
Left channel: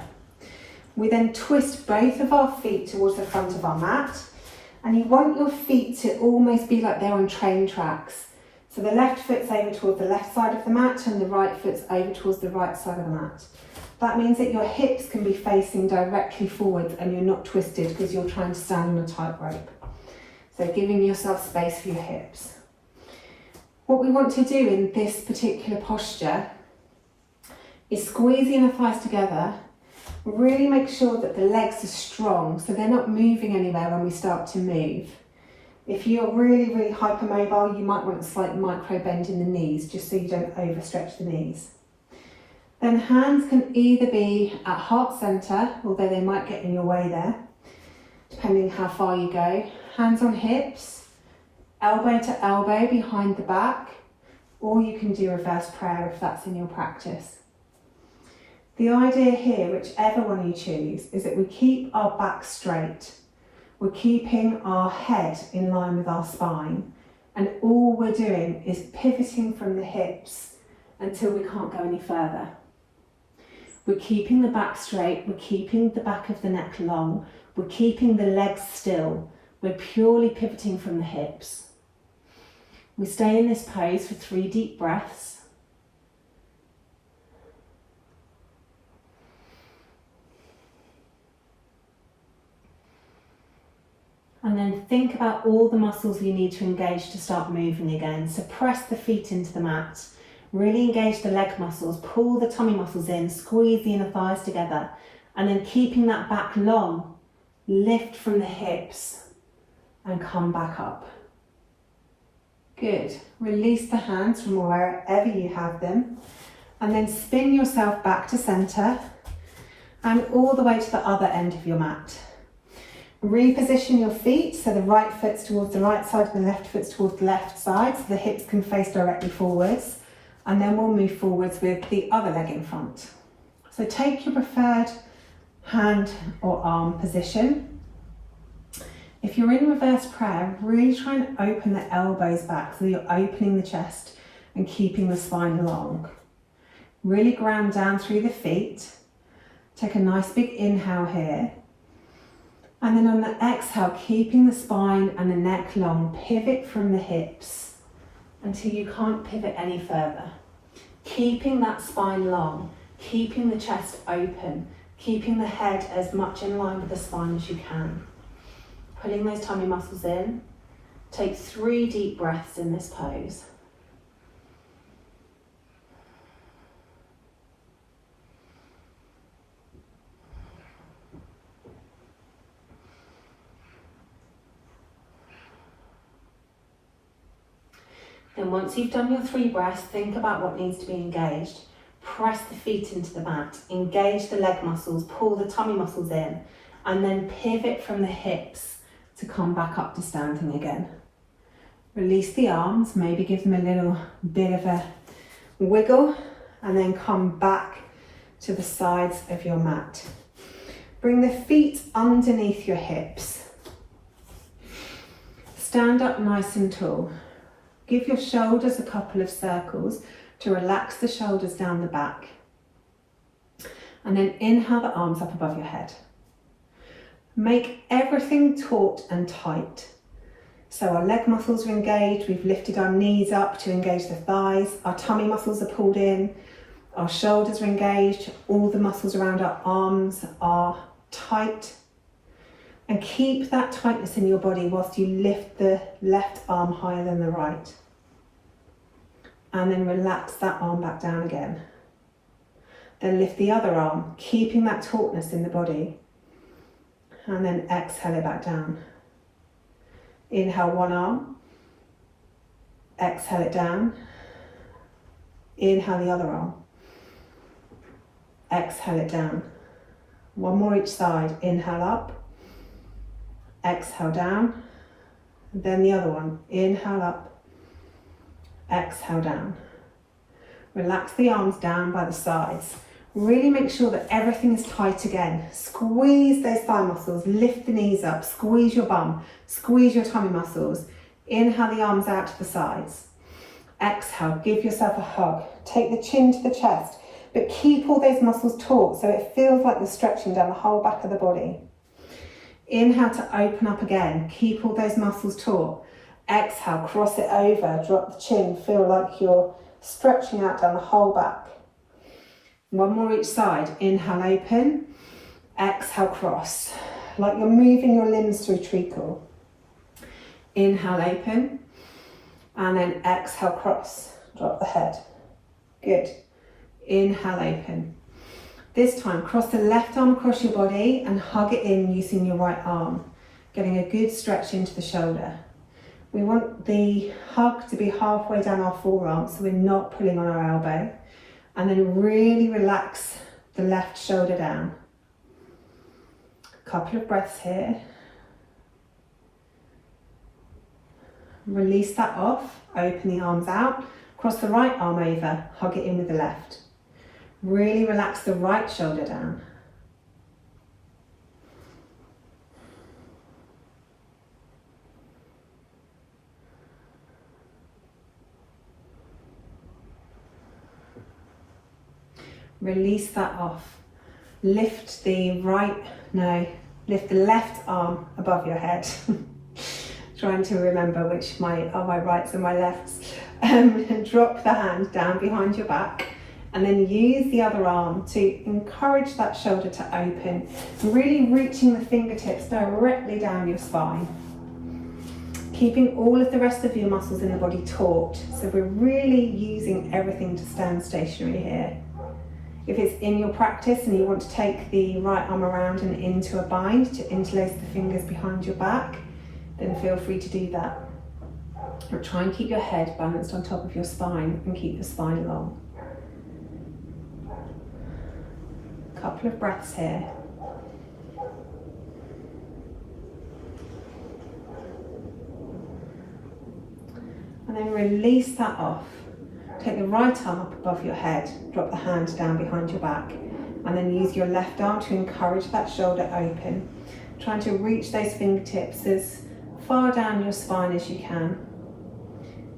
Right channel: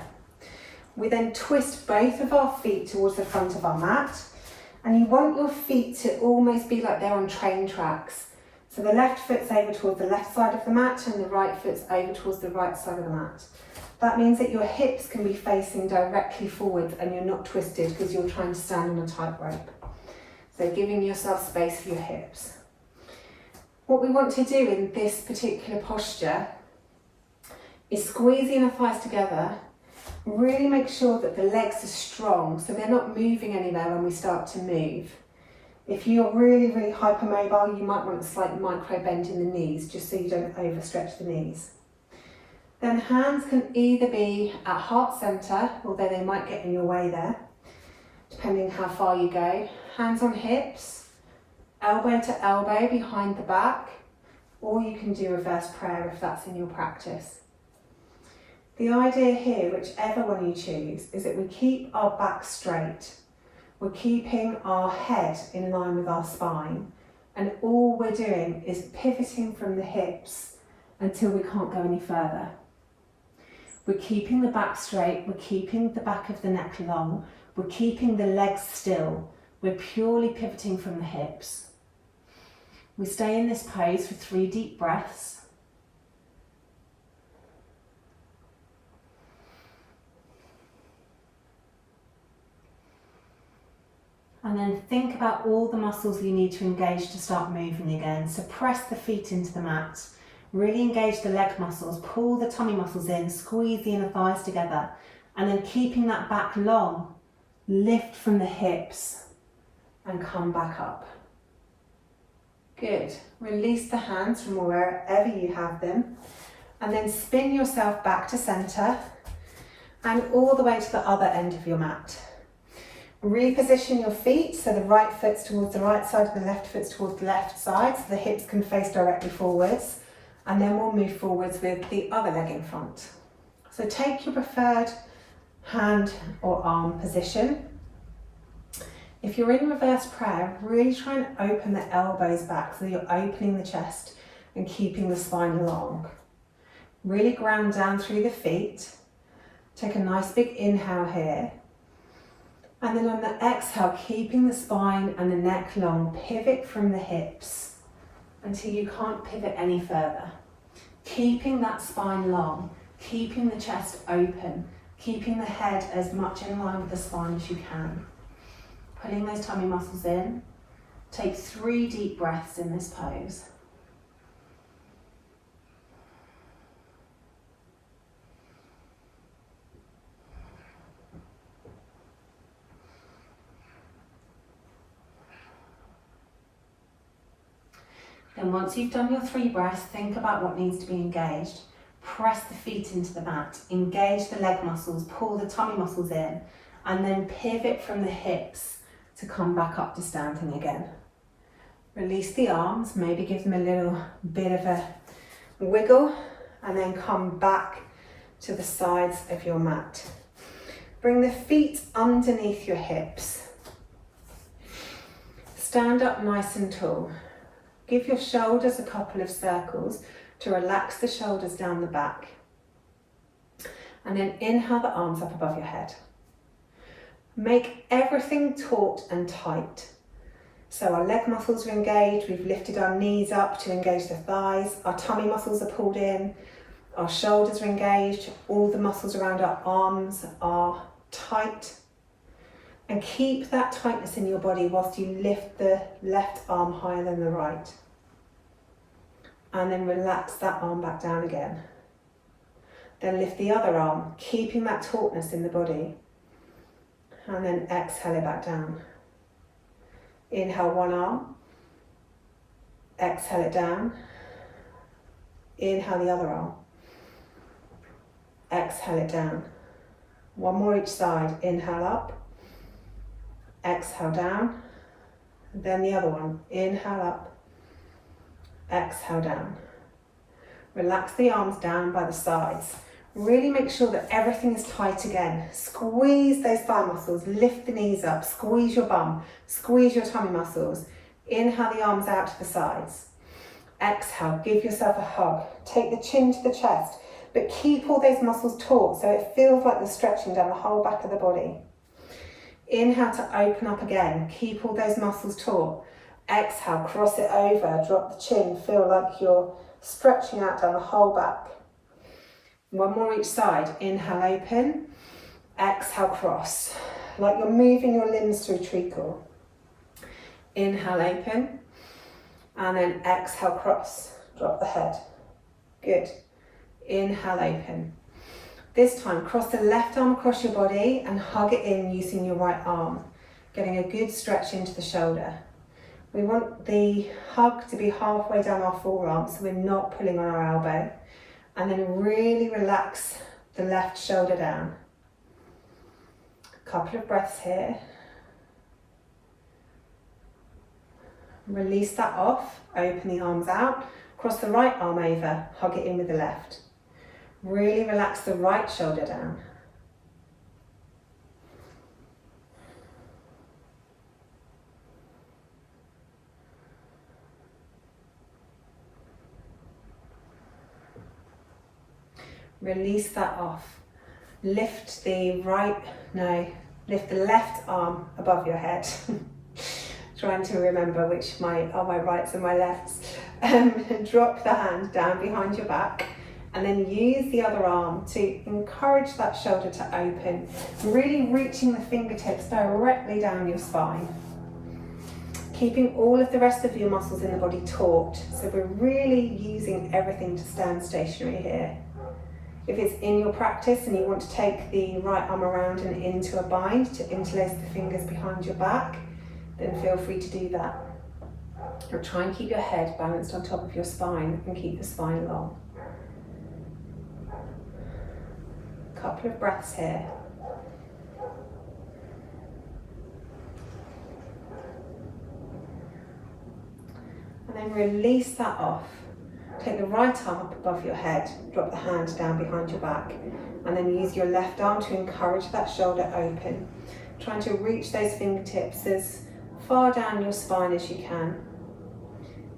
We then twist both of our feet towards the front of our mat, and you want your feet to almost be like they're on train tracks. So the left foot's over towards the left side of the mat and the right foot's over towards the right side of the mat. That means that your hips can be facing directly forwards and you're not twisted because you're trying to stand on a tightrope. So giving yourself space for your hips. What we want to do in this particular posture is squeeze the inner thighs together, really make sure that the legs are strong so they're not moving anywhere when we start to move. If you're really, really hypermobile, you might want a slight micro bend in the knees just so you don't overstretch the knees. Then hands can either be at heart center, although they might get in your way there, depending how far you go. Hands on hips, elbow to elbow behind the back, or you can do reverse prayer if that's in your practice. The idea here, whichever one you choose, is that we keep our back straight. We're keeping our head in line with our spine, and all we're doing is pivoting from the hips until we can't go any further. We're keeping the back straight, we're keeping the back of the neck long, we're keeping the legs still, we're purely pivoting from the hips. We stay in this pose for 3 deep breaths. And then think about all the muscles you need to engage to start moving again. So press the feet into the mat. Really engage the leg muscles, pull the tummy muscles in, squeeze the inner thighs together, and then keeping that back long, lift from the hips and come back up. Good. Release the hands from wherever you have them, and then spin yourself back to center and all the way to the other end of your mat. Reposition your feet so the right foot's towards the right side, the left foot's towards the left side, so the hips can face directly forwards. And then we'll move forwards with the other leg in front. So take your preferred hand or arm position. If you're in reverse prayer, really try and open the elbows back so that you're opening the chest and keeping the spine long. Really ground down through the feet. Take a nice big inhale here. And then on the exhale, keeping the spine and the neck long, pivot from the hips until you can't pivot any further. Keeping that spine long, keeping the chest open, keeping the head as much in line with the spine as you can. Pulling those tummy muscles in. Take 3 deep breaths in this pose. Then once you've done your 3 breaths, think about what needs to be engaged. Press the feet into the mat, engage the leg muscles, pull the tummy muscles in, and then pivot from the hips to come back up to standing again. Release the arms, maybe give them a little bit of a wiggle, and then come back to the sides of your mat. Bring the feet underneath your hips. Stand up nice and tall. Give your shoulders a couple of circles to relax the shoulders down the back. And then inhale the arms up above your head. Make everything taut and tight. So our leg muscles are engaged, we've lifted our knees up to engage the thighs, our tummy muscles are pulled in, our shoulders are engaged, all the muscles around our arms are tight. And keep that tightness in your body whilst you lift the left arm higher than the right. And then relax that arm back down again. Then lift the other arm, keeping that tautness in the body. And then exhale it back down. Inhale one arm. Exhale it down. Inhale the other arm. Exhale it down. One more each side. Inhale up. Exhale down. Then the other one. Inhale up. Exhale down. Relax the arms down by the sides. Really make sure that everything is tight again. Squeeze those thigh muscles, lift the knees up, squeeze your bum, squeeze your tummy muscles. Inhale the arms out to the sides. Exhale, give yourself a hug. Take the chin to the chest, but keep all those muscles taut so it feels like you're stretching down the whole back of the body. Inhale to open up again, keep all those muscles taut. Exhale, cross it over, drop the chin, feel like you're stretching out down the whole back. One more each side. Inhale, open. Exhale, cross. Like you're moving your limbs through treacle. Inhale, open. And then exhale, cross. Drop the head. Good. Inhale, open. This time, cross the left arm across your body and hug it in using your right arm. Getting a good stretch into the shoulder. We want the hug to be halfway down our forearm so we're not pulling on our elbow. And then really relax the left shoulder down. A couple of breaths here. Release that off, open the arms out, cross the right arm over, hug it in with the left. Really relax the right shoulder down. Release that off. Lift the left arm above your head. Trying to remember which are my rights and my lefts. Drop the hand down behind your back and then use the other arm to encourage that shoulder to open. Really reaching the fingertips directly down your spine. Keeping all of the rest of your muscles in the body taut. So we're really using everything to stand stationary here. If it's in your practice and you want to take the right arm around and into a bind to interlace the fingers behind your back, then feel free to do that. But try and keep your head balanced on top of your spine and keep the spine long. A couple of breaths here. And then release that off. Take the right arm up above your head, drop the hand down behind your back, and then use your left arm to encourage that shoulder open. Trying to reach those fingertips as far down your spine as you can.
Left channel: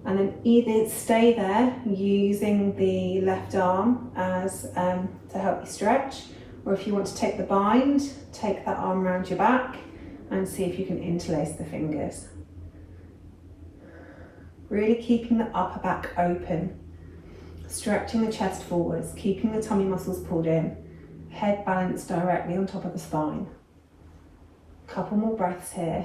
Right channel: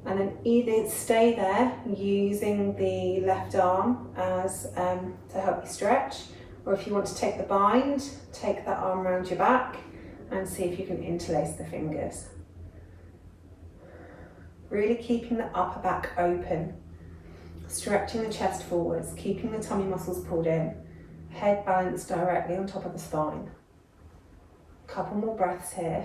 And then either stay there using the left arm as to help you stretch, or if you want to take the bind, take that arm around your back and see if you can interlace the fingers. Really keeping the upper back open. Stretching the chest forwards, keeping the tummy muscles pulled in, head balanced directly on top of the spine. A couple more breaths here.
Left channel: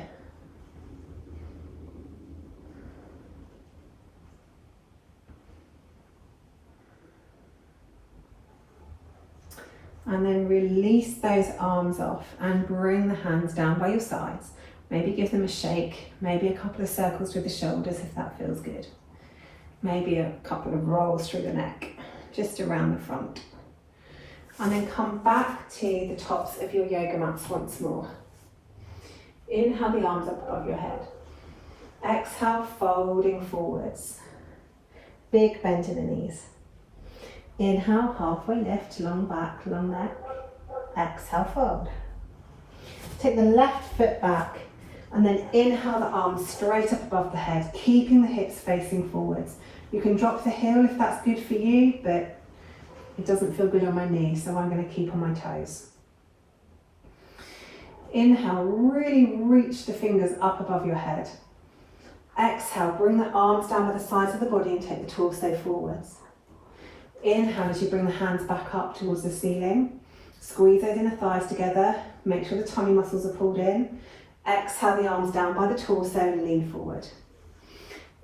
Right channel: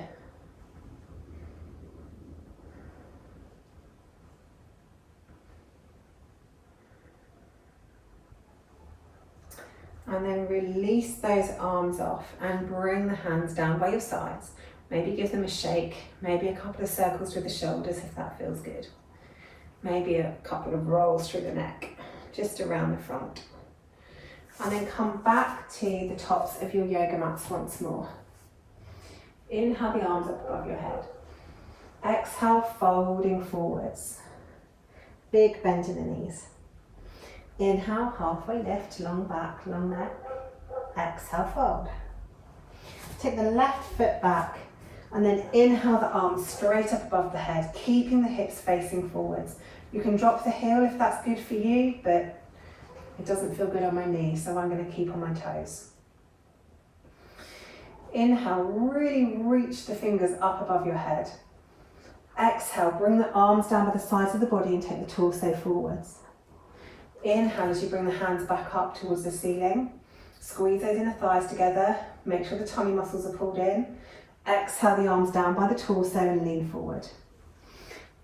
And then release those arms off and bring the hands down by your sides. Maybe give them a shake, maybe a couple of circles through the shoulders if that feels good. Maybe a couple of rolls through the neck, just around the front. And then come back to the tops of your yoga mats once more. Inhale the arms up above your head. Exhale, folding forwards. Big bend in the knees. Inhale, halfway lift, long back, long neck. Exhale, fold. Take the left foot back and then inhale the arms straight up above the head, keeping the hips facing forwards. You can drop the heel if that's good for you, but It doesn't feel good on my knee, so I'm going to keep on my toes. Inhale, really reach the fingers up above your head. Exhale, bring the arms down by the sides of the body and take the torso forwards. Inhale as you bring the hands back up towards the ceiling. Squeeze those inner thighs together. Make sure the tummy muscles are pulled in. Exhale the arms down by the torso and lean forward.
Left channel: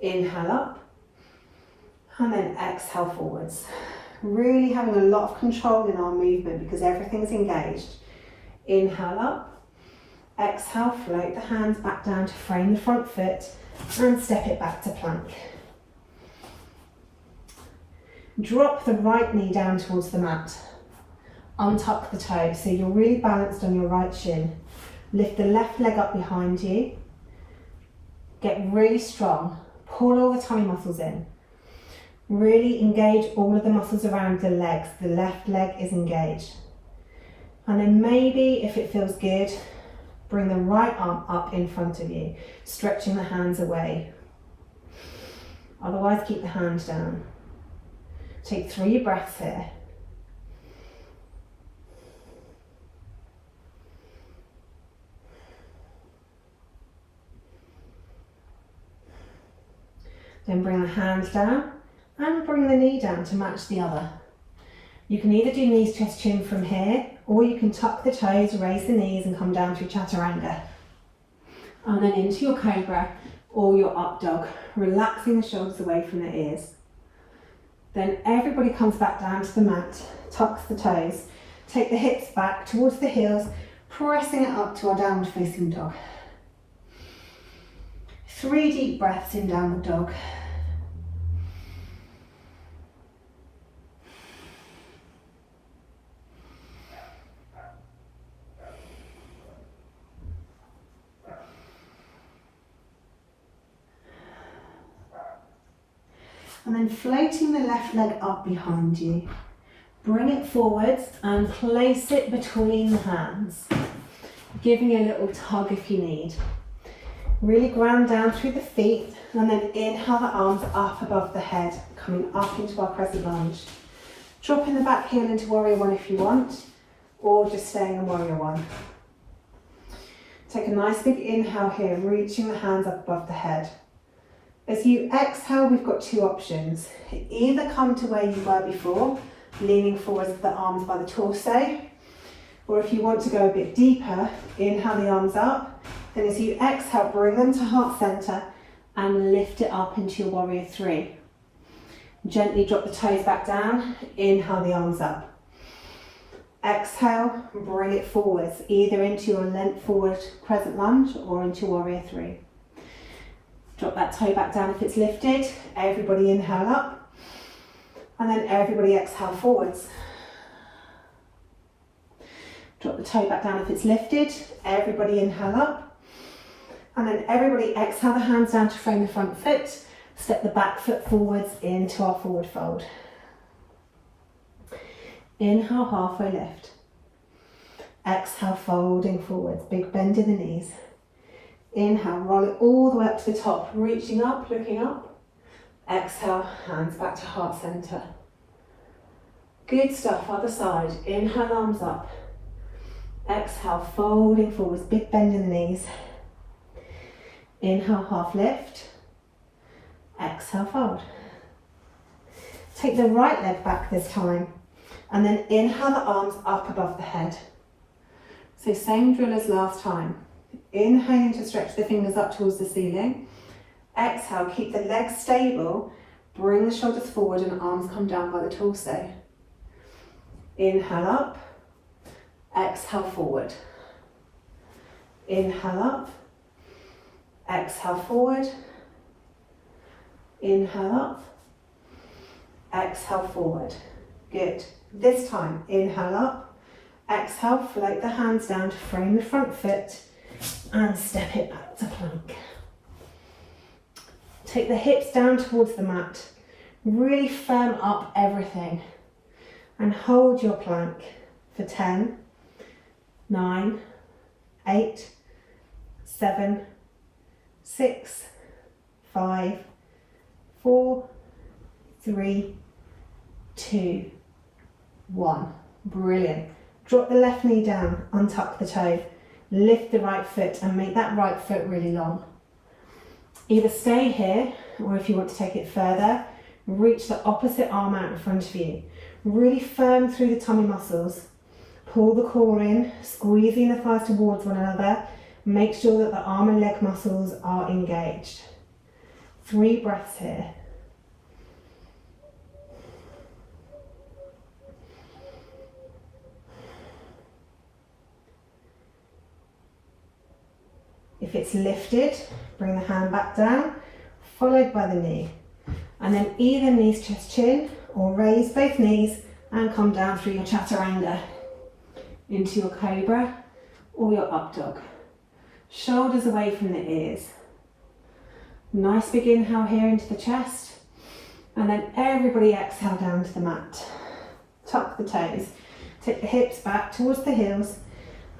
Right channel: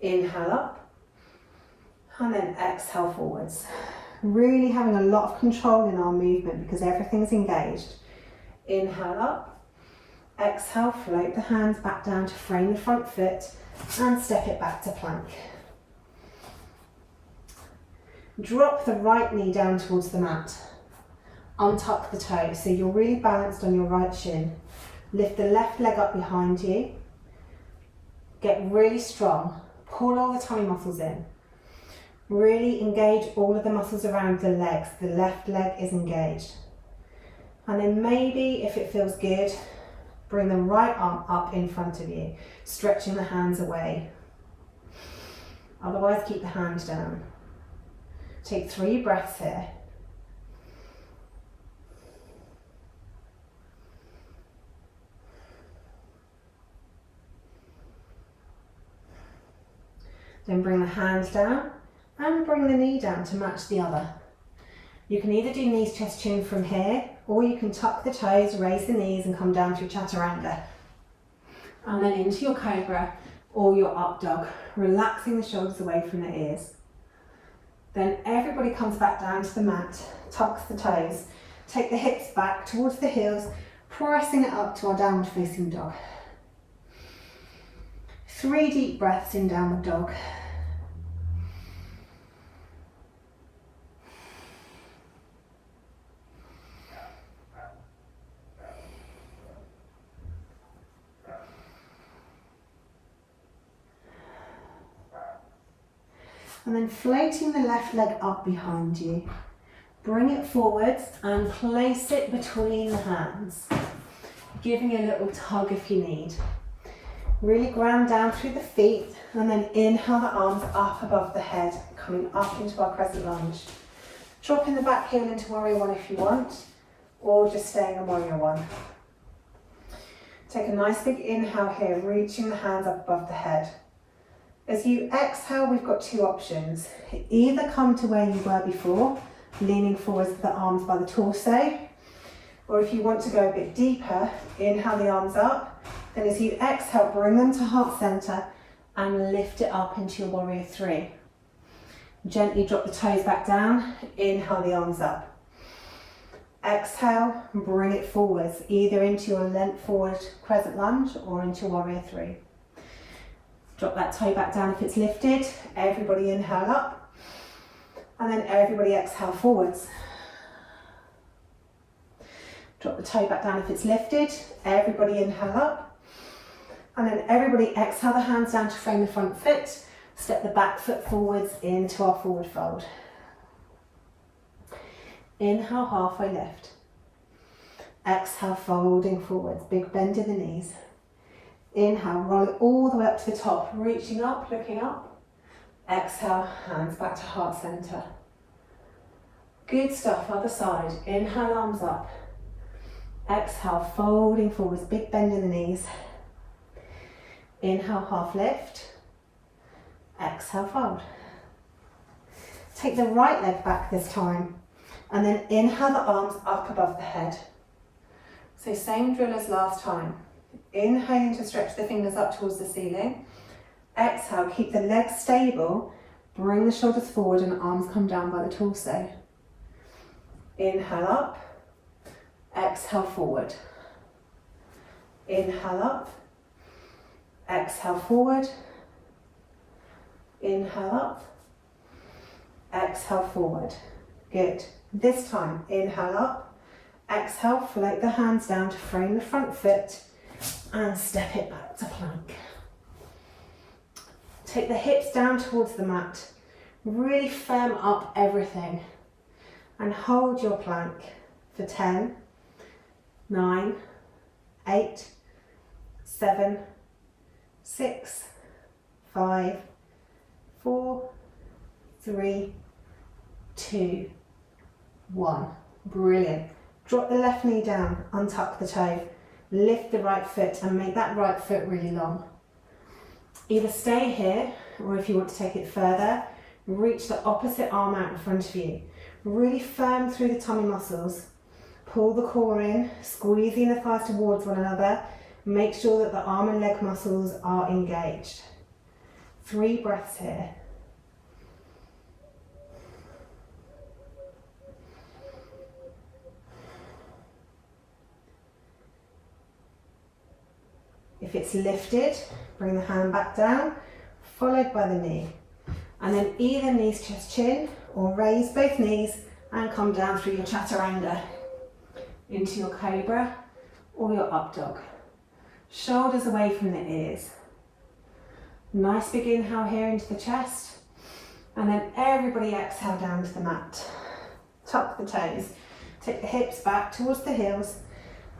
Inhale up. And then exhale forwards. Really having a lot of control in our movement because everything's engaged. Inhale up. Exhale, float the hands back down to frame the front foot and step it back to plank. Drop the right knee down towards the mat. Untuck the toe so you're really balanced on your right shin. Lift the left leg up behind you. Get really strong. Pull all the tummy muscles in. Really engage all of the muscles around the legs. The left leg is engaged. And then maybe, if it feels good, bring the right arm up in front of you, stretching the hands away. Otherwise, keep the hand down. Take 3 breaths here. Then bring the hands down and bring the knee down to match the other. You can either do knees, chest, chin from here, or you can tuck the toes, raise the knees and come down to chaturanga. And then into your cobra or your up dog, relaxing the shoulders away from the ears. Then everybody comes back down to the mat, tucks the toes, take the hips back towards the heels, pressing it up to our downward facing dog. 3 deep breaths in downward dog. And then floating the left leg up behind you. Bring it forwards and place it between the hands, giving you a little tug if you need. Really ground down through the feet and then inhale the arms up above the head, coming up into our crescent lunge. Dropping the back heel into warrior one if you want, or just staying in warrior one. Take a nice big inhale here, reaching the hands up above the head. As you exhale, we've got 2 options. Either come to where you were before, leaning forwards with the arms by the torso, or if you want to go a bit deeper, inhale the arms up, then as you exhale, bring them to heart center and lift it up into your warrior 3. Gently drop the toes back down, inhale the arms up. Exhale, bring it forwards, either into your length forward crescent lunge or into warrior 3. Drop that toe back down if it's lifted. Everybody inhale up. And then everybody exhale forwards. Drop the toe back down if it's lifted. Everybody inhale up. And then everybody exhale the hands down to frame the front foot. Step the back foot forwards into our forward fold. Inhale, halfway lift. Exhale, folding forwards. Big bend in the knees. Inhale, roll it all the way up to the top, reaching up, looking up. Exhale, hands back to heart center. Good stuff, other side. Inhale, arms up. Exhale, folding forwards, big bend in the knees. Inhale, half lift. Exhale, fold. Take the right leg back this time, and then inhale the arms up above the head. So same drill as last time. Inhaling to stretch the fingers up towards the ceiling. Exhale, keep the legs stable. Bring the shoulders forward and the arms come down by the torso. Inhale up. Exhale forward. Inhale up. Exhale forward. Inhale up. Exhale forward. Good. This time, inhale up. Exhale, float the hands down to frame the front foot and step it back to plank. Take the hips down towards the mat. Really firm up everything and hold your plank for 10, 9, 8, 7, 6, 5, 4, 3, 2, 1. Brilliant. Drop the left knee down, untuck the toe, lift the right foot and make that right foot really long. Either stay here, or if you want to take it further, reach the opposite arm out in front of you. Really firm through the tummy muscles. Pull the core in, squeezing the thighs towards one another. Make sure that the arm and leg muscles are engaged. 3 breaths here. If it's lifted, bring the hand back down, followed by the knee. And then either knees chest chin, or raise both knees and come down through your chaturanga into your cobra or your up dog. Shoulders away from the ears. Nice big inhale here into the chest. And then everybody exhale down to the mat. Tuck the toes, tip the hips back towards the heels,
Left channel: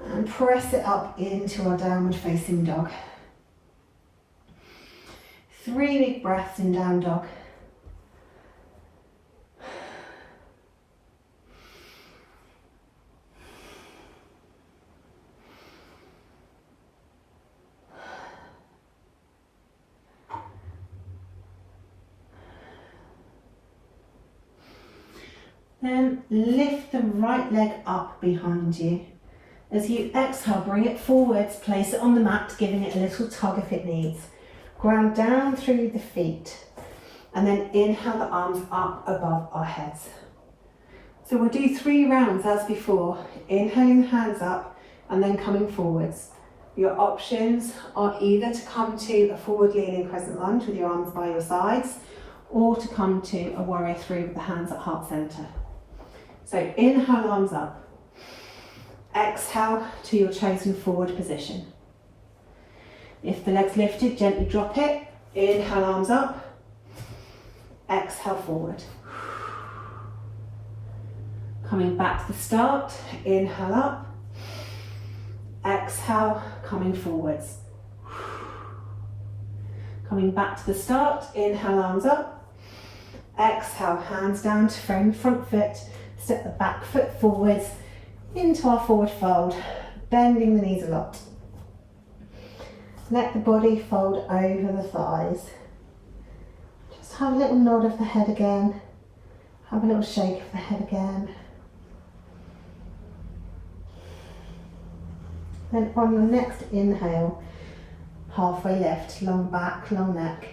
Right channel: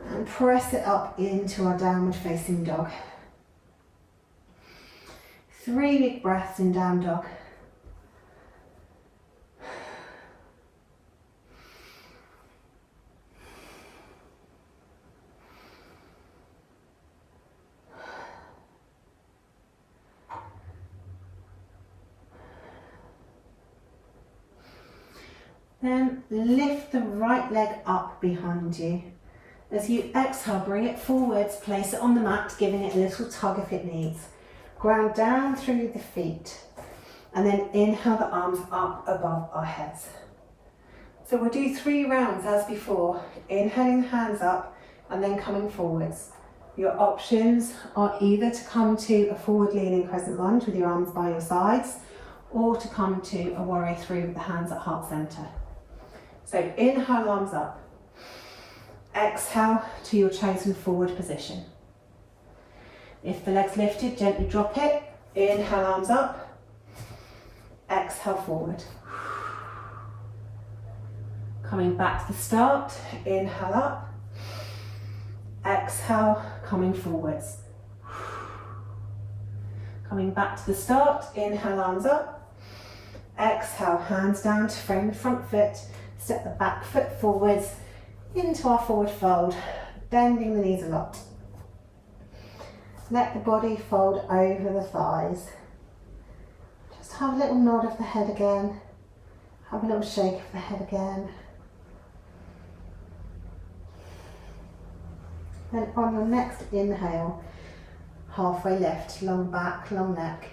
and press it up into our downward facing dog. 3 big breaths in down dog. Then lift the right leg up behind you. As you exhale, bring it forwards, place it on the mat, giving it a little tug if it needs. Ground down through the feet, and then inhale the arms up above our heads. So we'll do 3 rounds as before, inhaling the hands up and then coming forwards. Your options are either to come to a forward leaning crescent lunge with your arms by your sides, or to come to a warrior 3 with the hands at heart center. So inhale, arms up. Exhale to your chosen forward position. If the leg's lifted, gently drop it. Inhale, arms up. Exhale, forward. Coming back to the start. Inhale up. Exhale, coming forwards. Coming back to the start. Inhale, arms up. Exhale, hands down to frame the front foot. Step the back foot forwards into our forward fold, bending the knees a lot. Let the body fold over the thighs. Just have a little nod of the head again. Have a little shake of the head again. Then on your next inhale, halfway lift, long back, long neck.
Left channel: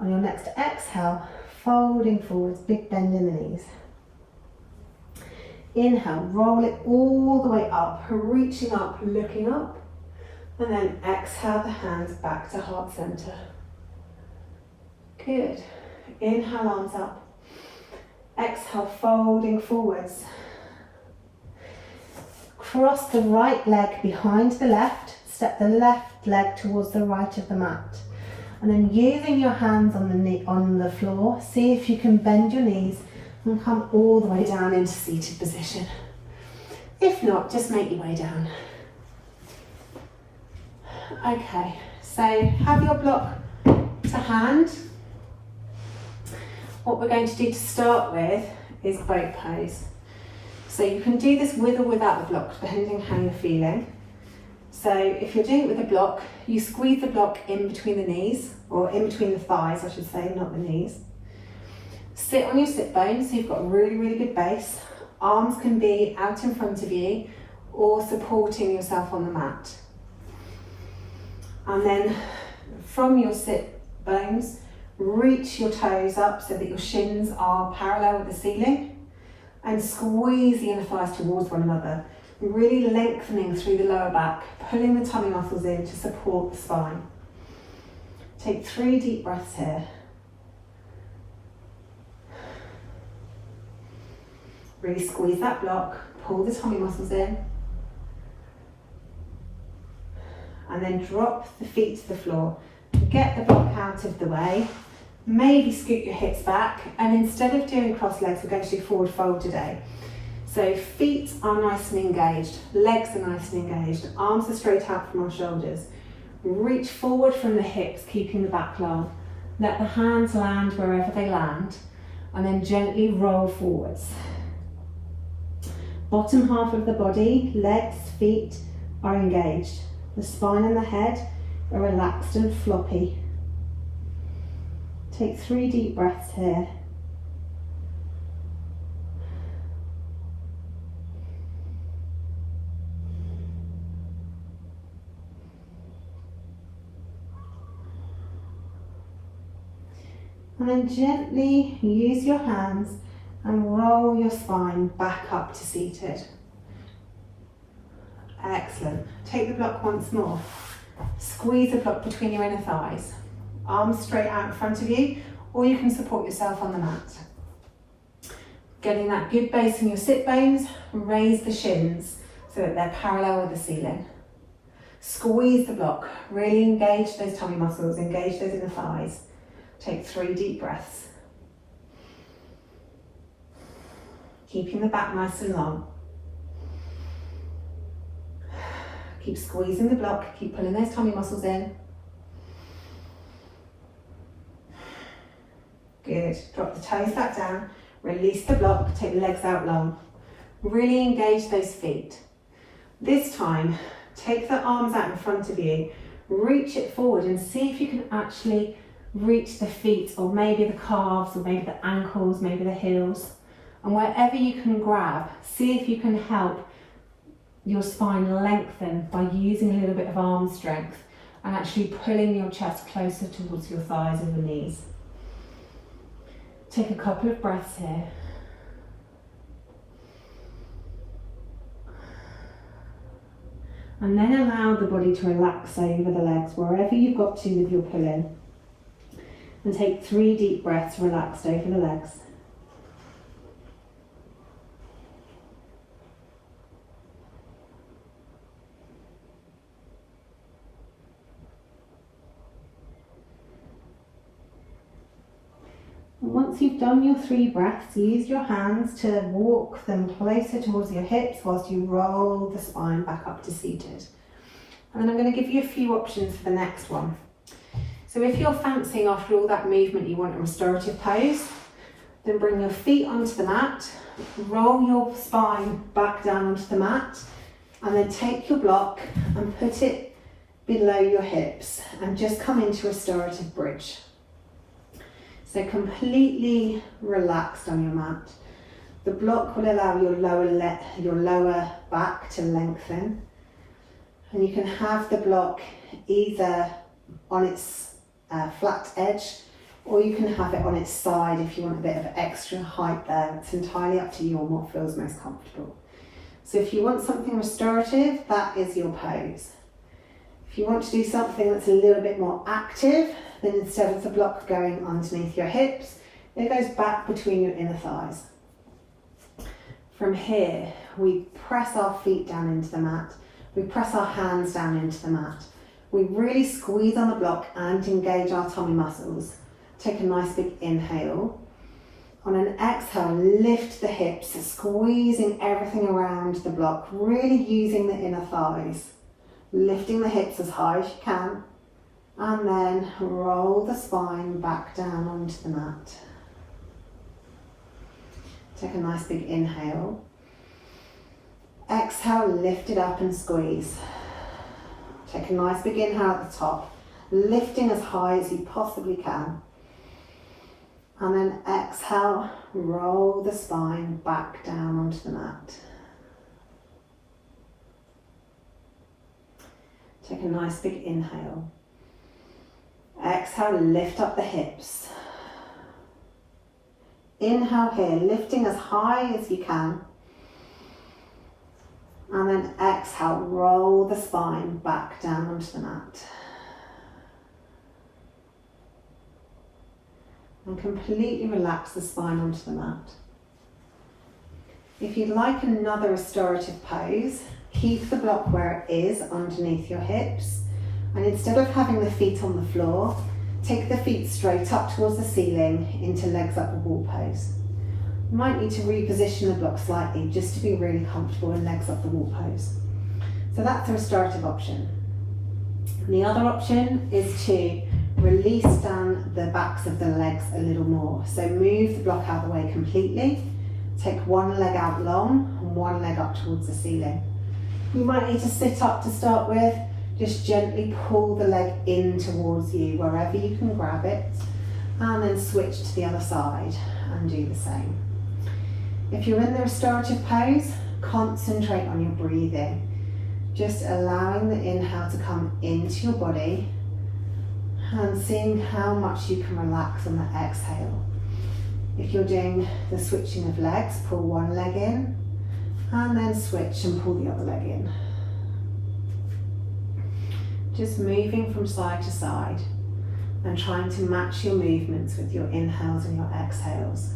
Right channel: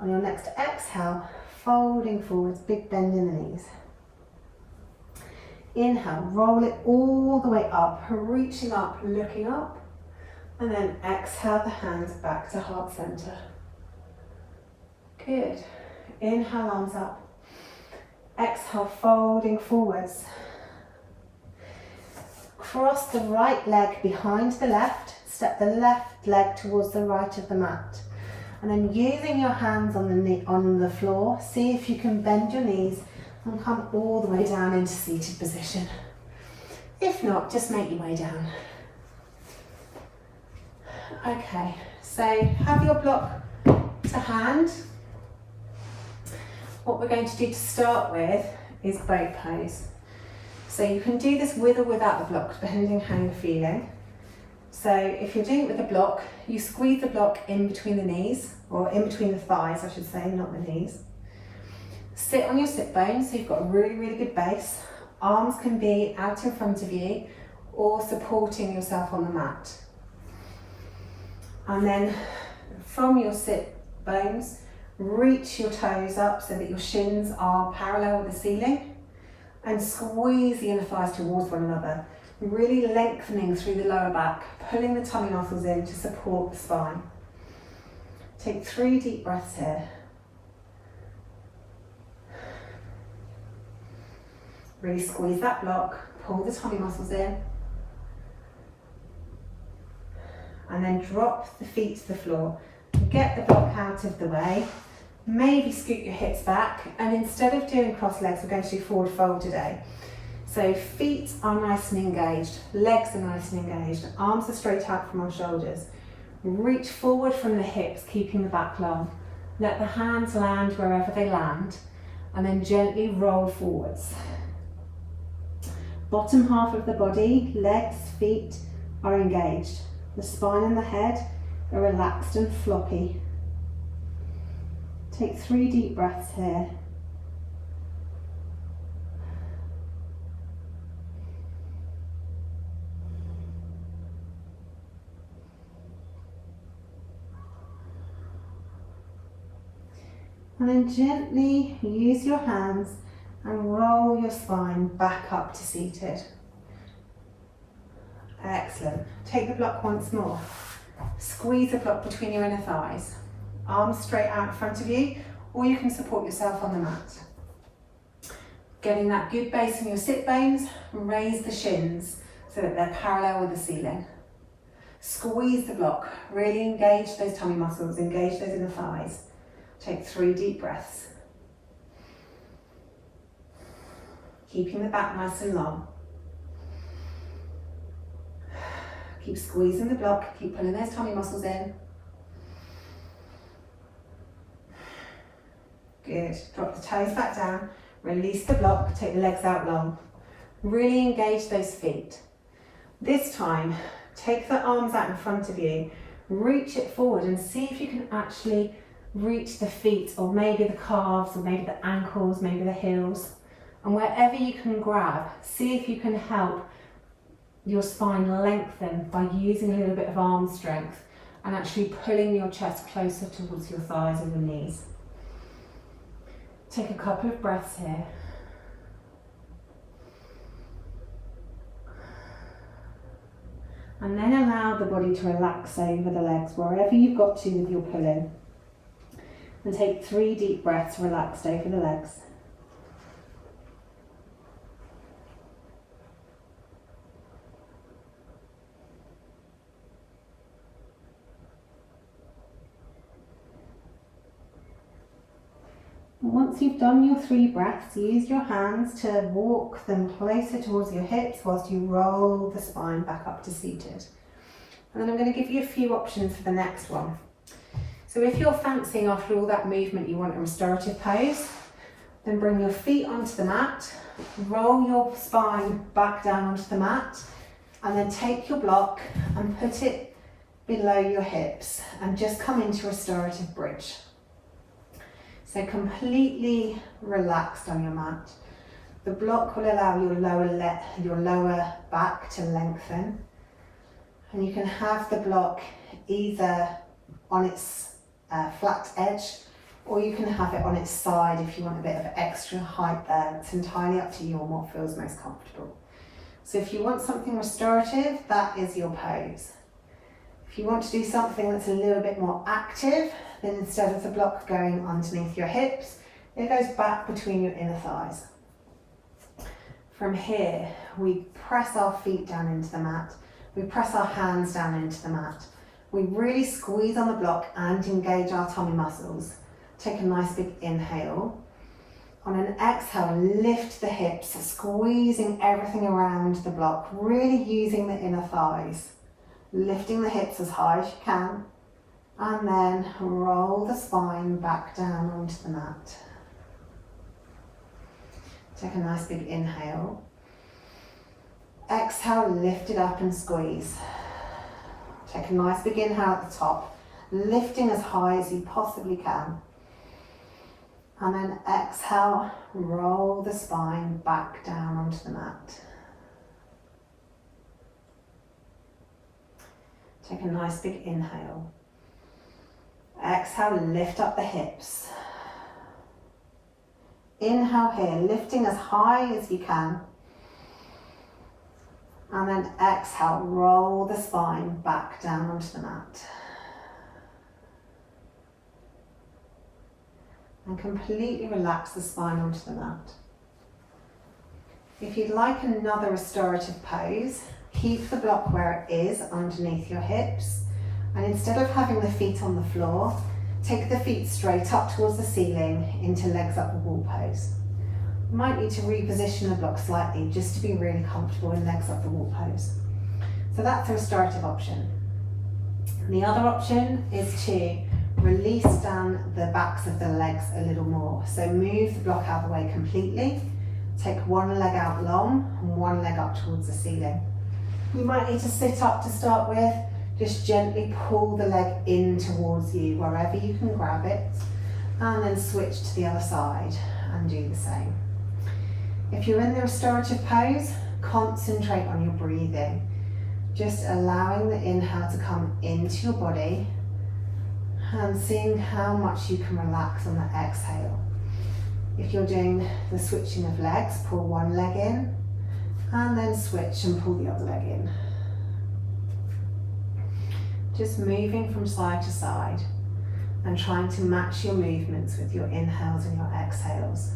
On your next exhale, folding forwards, big bend in the knees. Inhale, roll it all the way up, reaching up, looking up, and then exhale the hands back to heart center. Good. Inhale, arms up. Exhale, folding forwards. Cross the right leg behind the left, step the left leg towards the right of the mat. And then using your hands on the floor, see if you can bend your knees and come all the way down into seated position. If not, just make your way down. Okay, so have your block to hand. What we're going to do to start with is boat pose. So you can do this with or without the block, depending how you're feeling. So if you're doing it with the block, you squeeze the block in between the knees, or in between the thighs, I should say, not the knees. Sit on your sit bones, so you've got a really, really good base. Arms can be out in front of you or supporting yourself on the mat. And then from your sit bones, reach your toes up so that your shins are parallel with the ceiling and squeeze the inner thighs towards one another, really lengthening through the lower back, pulling the tummy muscles in to support the spine. Take 3 deep breaths here. Really squeeze that block, pull the tummy muscles in, and then drop the feet to the floor. Get the block out of the way, maybe scoot your hips back, and instead of doing cross legs, we're going to do forward fold today. So feet are nice and engaged, legs are nice and engaged, arms are straight out from our shoulders. Reach forward from the hips, keeping the back long. Let the hands land wherever they land, and then gently roll forwards. Bottom half of the body, legs, feet are engaged. The spine and the head are relaxed and floppy. Take 3 deep breaths here. And then gently use your hands and roll your spine back up to seated. Excellent. Take the block once more. Squeeze the block between your inner thighs. Arms straight out in front of you, or you can support yourself on the mat. Getting that good base in your sit bones, raise the shins so that they're parallel with the ceiling. Squeeze the block, really engage those tummy muscles, engage those inner thighs. Take 3 deep breaths. Keeping the back nice and long. Keep squeezing the block, keep pulling those tummy muscles in. Good. Drop the toes back down, release the block, take the legs out long. Really engage those feet. This time, take the arms out in front of you, reach it forward and see if you can actually reach the feet, or maybe the calves, or maybe the ankles, maybe the heels. And wherever you can grab, see if you can help your spine lengthen by using a little bit of arm strength and actually pulling your chest closer towards your thighs and the knees. Take a couple of breaths here. And then allow the body to relax over the legs, wherever you've got to with your pull-in. And take 3 deep breaths relaxed over the legs. Once you've done your 3 breaths, use your hands to walk them closer towards your hips whilst you roll the spine back up to seated. And then I'm going to give you a few options for the next one. So if you're fancying after all that movement you want a restorative pose, then bring your feet onto the mat, roll your spine back down onto the mat, and then take your block and put it below your hips and just come into Restorative Bridge. So completely relaxed on your mat. The block will allow your lower back to lengthen, and you can have the block either on its flat edge, or you can have it on its side if you want a bit of extra height there. It's entirely up to you on what feels most comfortable. So if you want something restorative, that is your pose. If you want to do something that's a little bit more active, then instead of the block going underneath your hips, it goes back between your inner thighs. From here, we press our feet down into the mat. We press our hands down into the mat. We really squeeze on the block and engage our tummy muscles. Take a nice big inhale. On an exhale, lift the hips, squeezing everything around the block, really using the inner thighs. Lifting the hips as high as you can, and then roll the spine back down onto the mat. Take a nice big inhale. Exhale, lift it up and squeeze. Take a nice big inhale at the top, lifting as high as you possibly can. And then exhale, roll the spine back down onto the mat. Take a nice big inhale. Exhale, lift up the hips. Inhale here, lifting as high as you can. And then exhale, roll the spine back down onto the mat. And completely relax the spine onto the mat. If you'd like another restorative pose, keep the block where it is underneath your hips. And instead of having the feet on the floor, take the feet straight up towards the ceiling into legs up the wall pose. You might need to reposition the block slightly just to be really comfortable in legs up the wall pose. So that's a restorative option. And the other option is to release down the backs of the legs a little more. So move the block out of the way completely Take one leg out long and one leg up towards the ceiling. You might need to sit up to start with. Just gently pull the leg in towards you wherever you can grab it, and then switch to the other side and do the same. If you're in the restorative pose, concentrate on your breathing. Just allowing the inhale to come into your body and seeing how much you can relax on the exhale. If you're doing the switching of legs, pull one leg in and then switch and pull the other leg in. Just moving from side to side and trying to match your movements with your inhales and your exhales.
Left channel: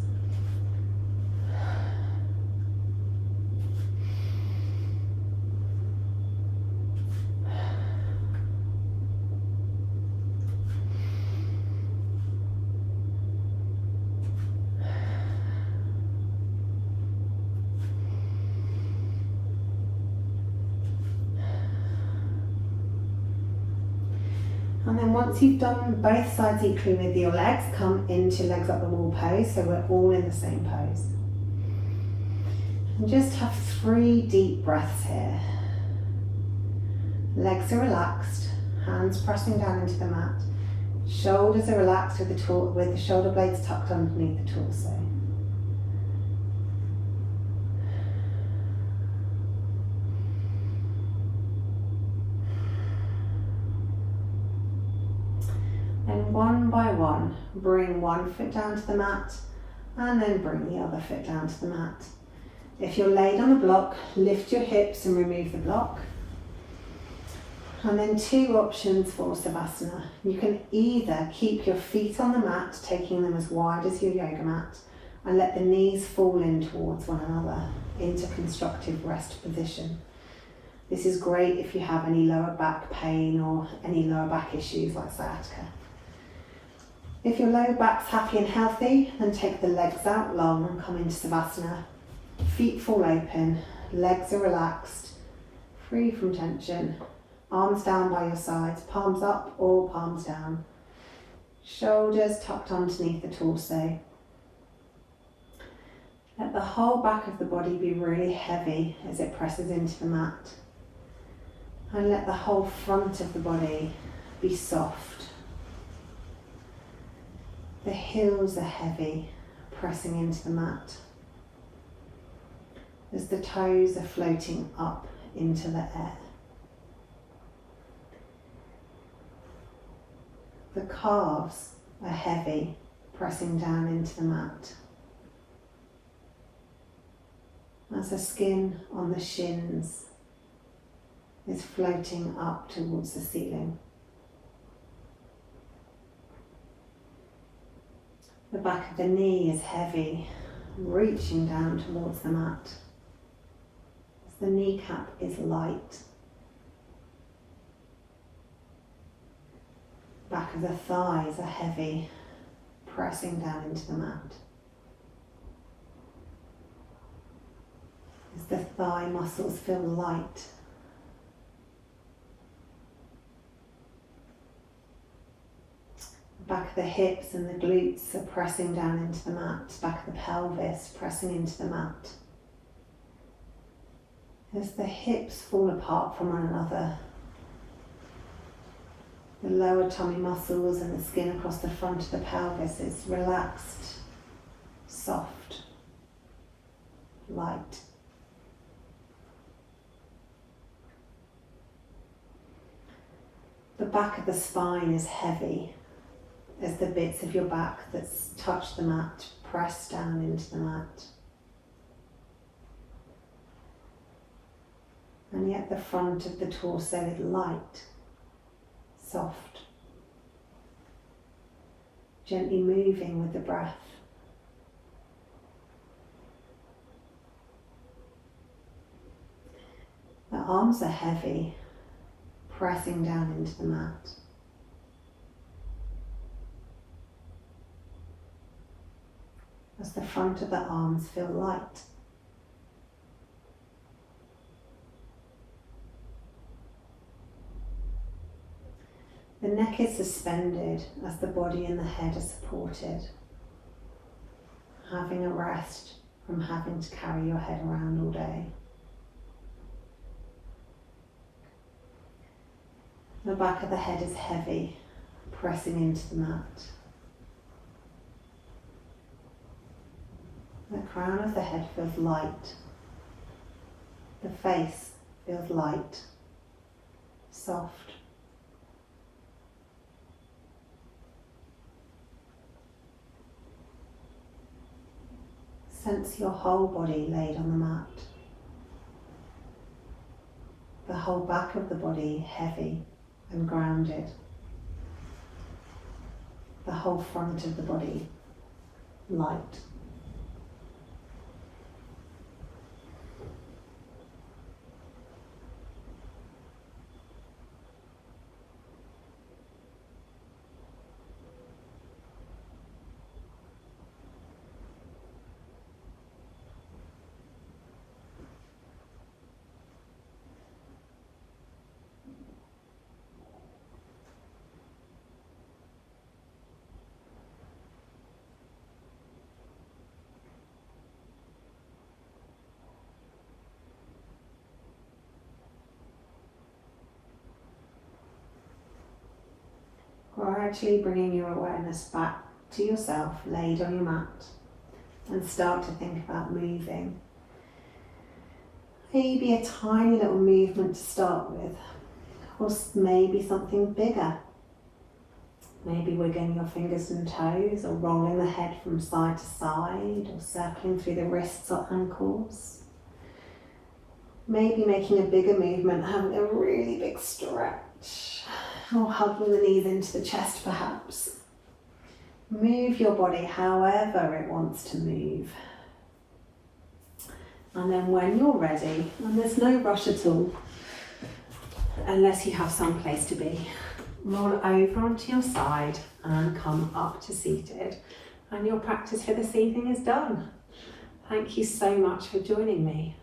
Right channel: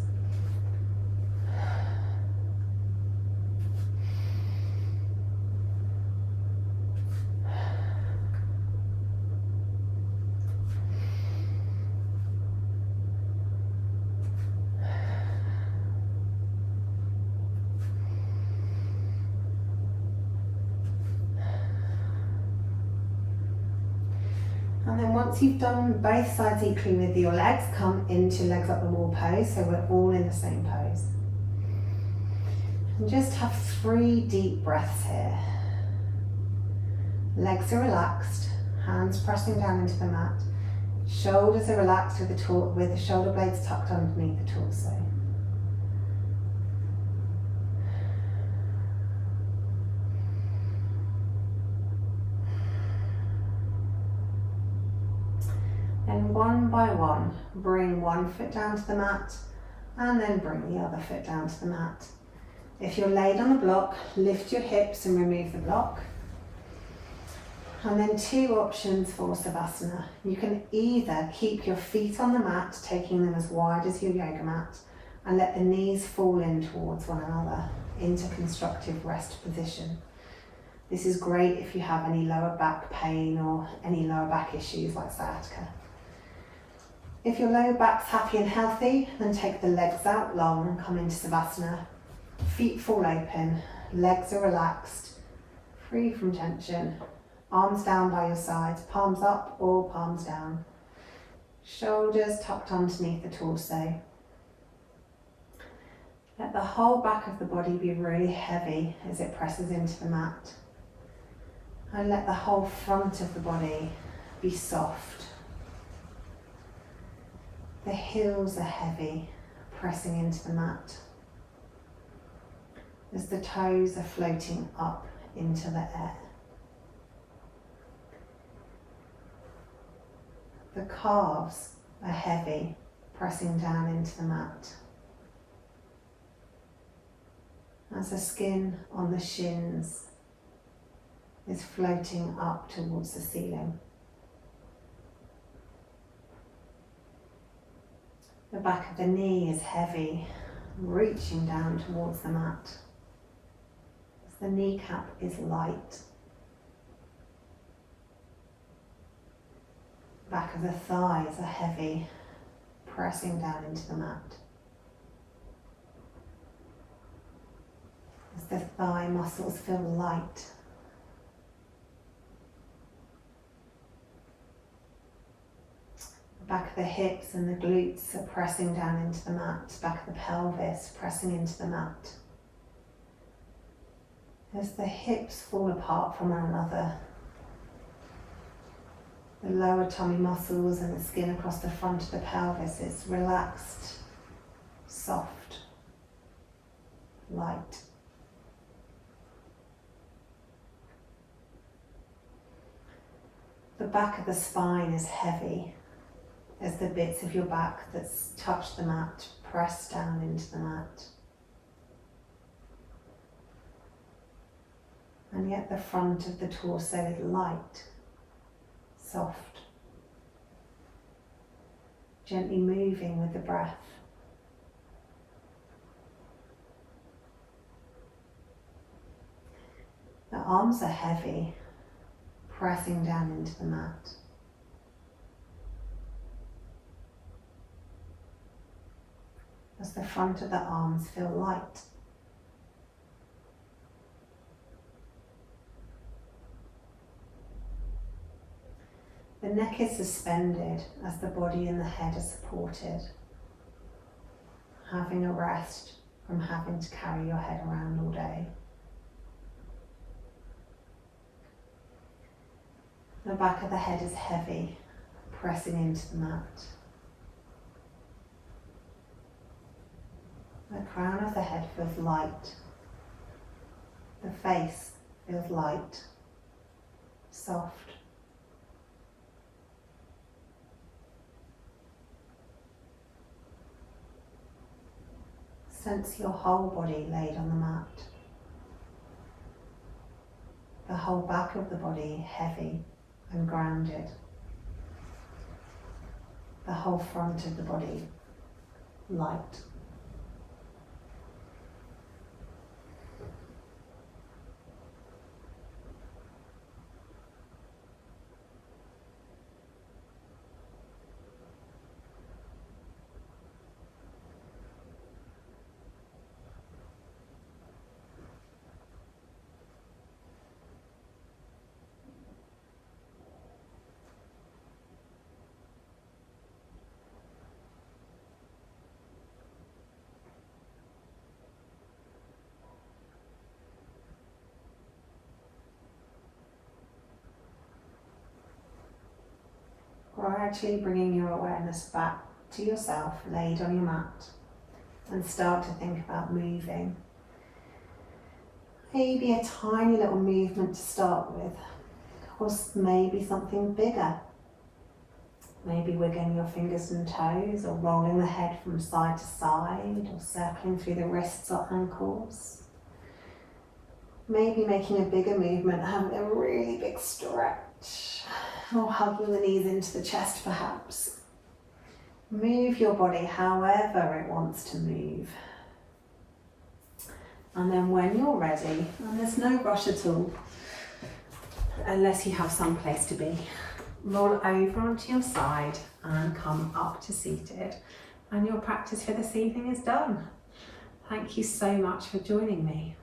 And then once you've done both sides equally with your legs, come into legs up the wall pose, so we're all in the same pose. And just have 3 deep breaths here. Legs are relaxed, hands pressing down into the mat. Shoulders are relaxed with the shoulder blades tucked underneath the torso. And one by one, bring one foot down to the mat and then bring the other foot down to the mat. If you're laid on a block, lift your hips and remove the block. And then 2 options for Savasana. You can either keep your feet on the mat, taking them as wide as your yoga mat, and let the knees fall in towards one another into constructive rest position. This is great if you have any lower back pain or any lower back issues like sciatica. If your lower back's happy and healthy, then take the legs out long and come into Savasana. Feet fall open, legs are relaxed, free from tension. Arms down by your sides, palms up or palms down. Shoulders tucked underneath the torso. Let the whole back of the body be really heavy as it presses into the mat. And let the whole front of the body be soft. The heels are heavy, pressing into the mat as the toes are floating up into the air. The calves are heavy, pressing down into the mat as the skin on the shins is floating up towards the ceiling. The back of the knee is heavy, reaching down towards the mat. As the kneecap is light. Back of the thighs are heavy, pressing down into the mat. As the thigh muscles feel light. Back of the hips and the glutes are pressing down into the mat. Back of the pelvis pressing into the mat. As the hips fall apart from one another, the lower tummy muscles and the skin across the front of the pelvis is relaxed, soft, light. The back of the spine is heavy as the bits of your back that touch the mat press down into the mat. And yet the front of the torso is light, soft, gently moving with the breath. The arms are heavy, pressing down into the mat. As the front of the arms feel light. The neck is suspended as the body and the head are supported, having a rest from having to carry your head around all day. The back of the head is heavy, pressing into the mat. The crown of the head feels light. The face feels light, soft. Sense your whole body laid on the mat. The whole back of the body heavy and grounded. The whole front of the body light. Gradually bringing your awareness back to yourself, laid on your mat, and start to think about moving. Maybe a tiny little movement to start with, or maybe something bigger. Maybe wiggling your fingers and toes, or rolling the head from side to side, or circling through the wrists or ankles. Maybe making a bigger movement, having a really big stretch. Or hugging the knees into the chest perhaps. Move your body however it wants to move. And then when you're ready, and there's no rush at all, unless you have some place to be, roll over onto your side and come up to seated. And your practice for this evening is done. Thank you so much for joining me.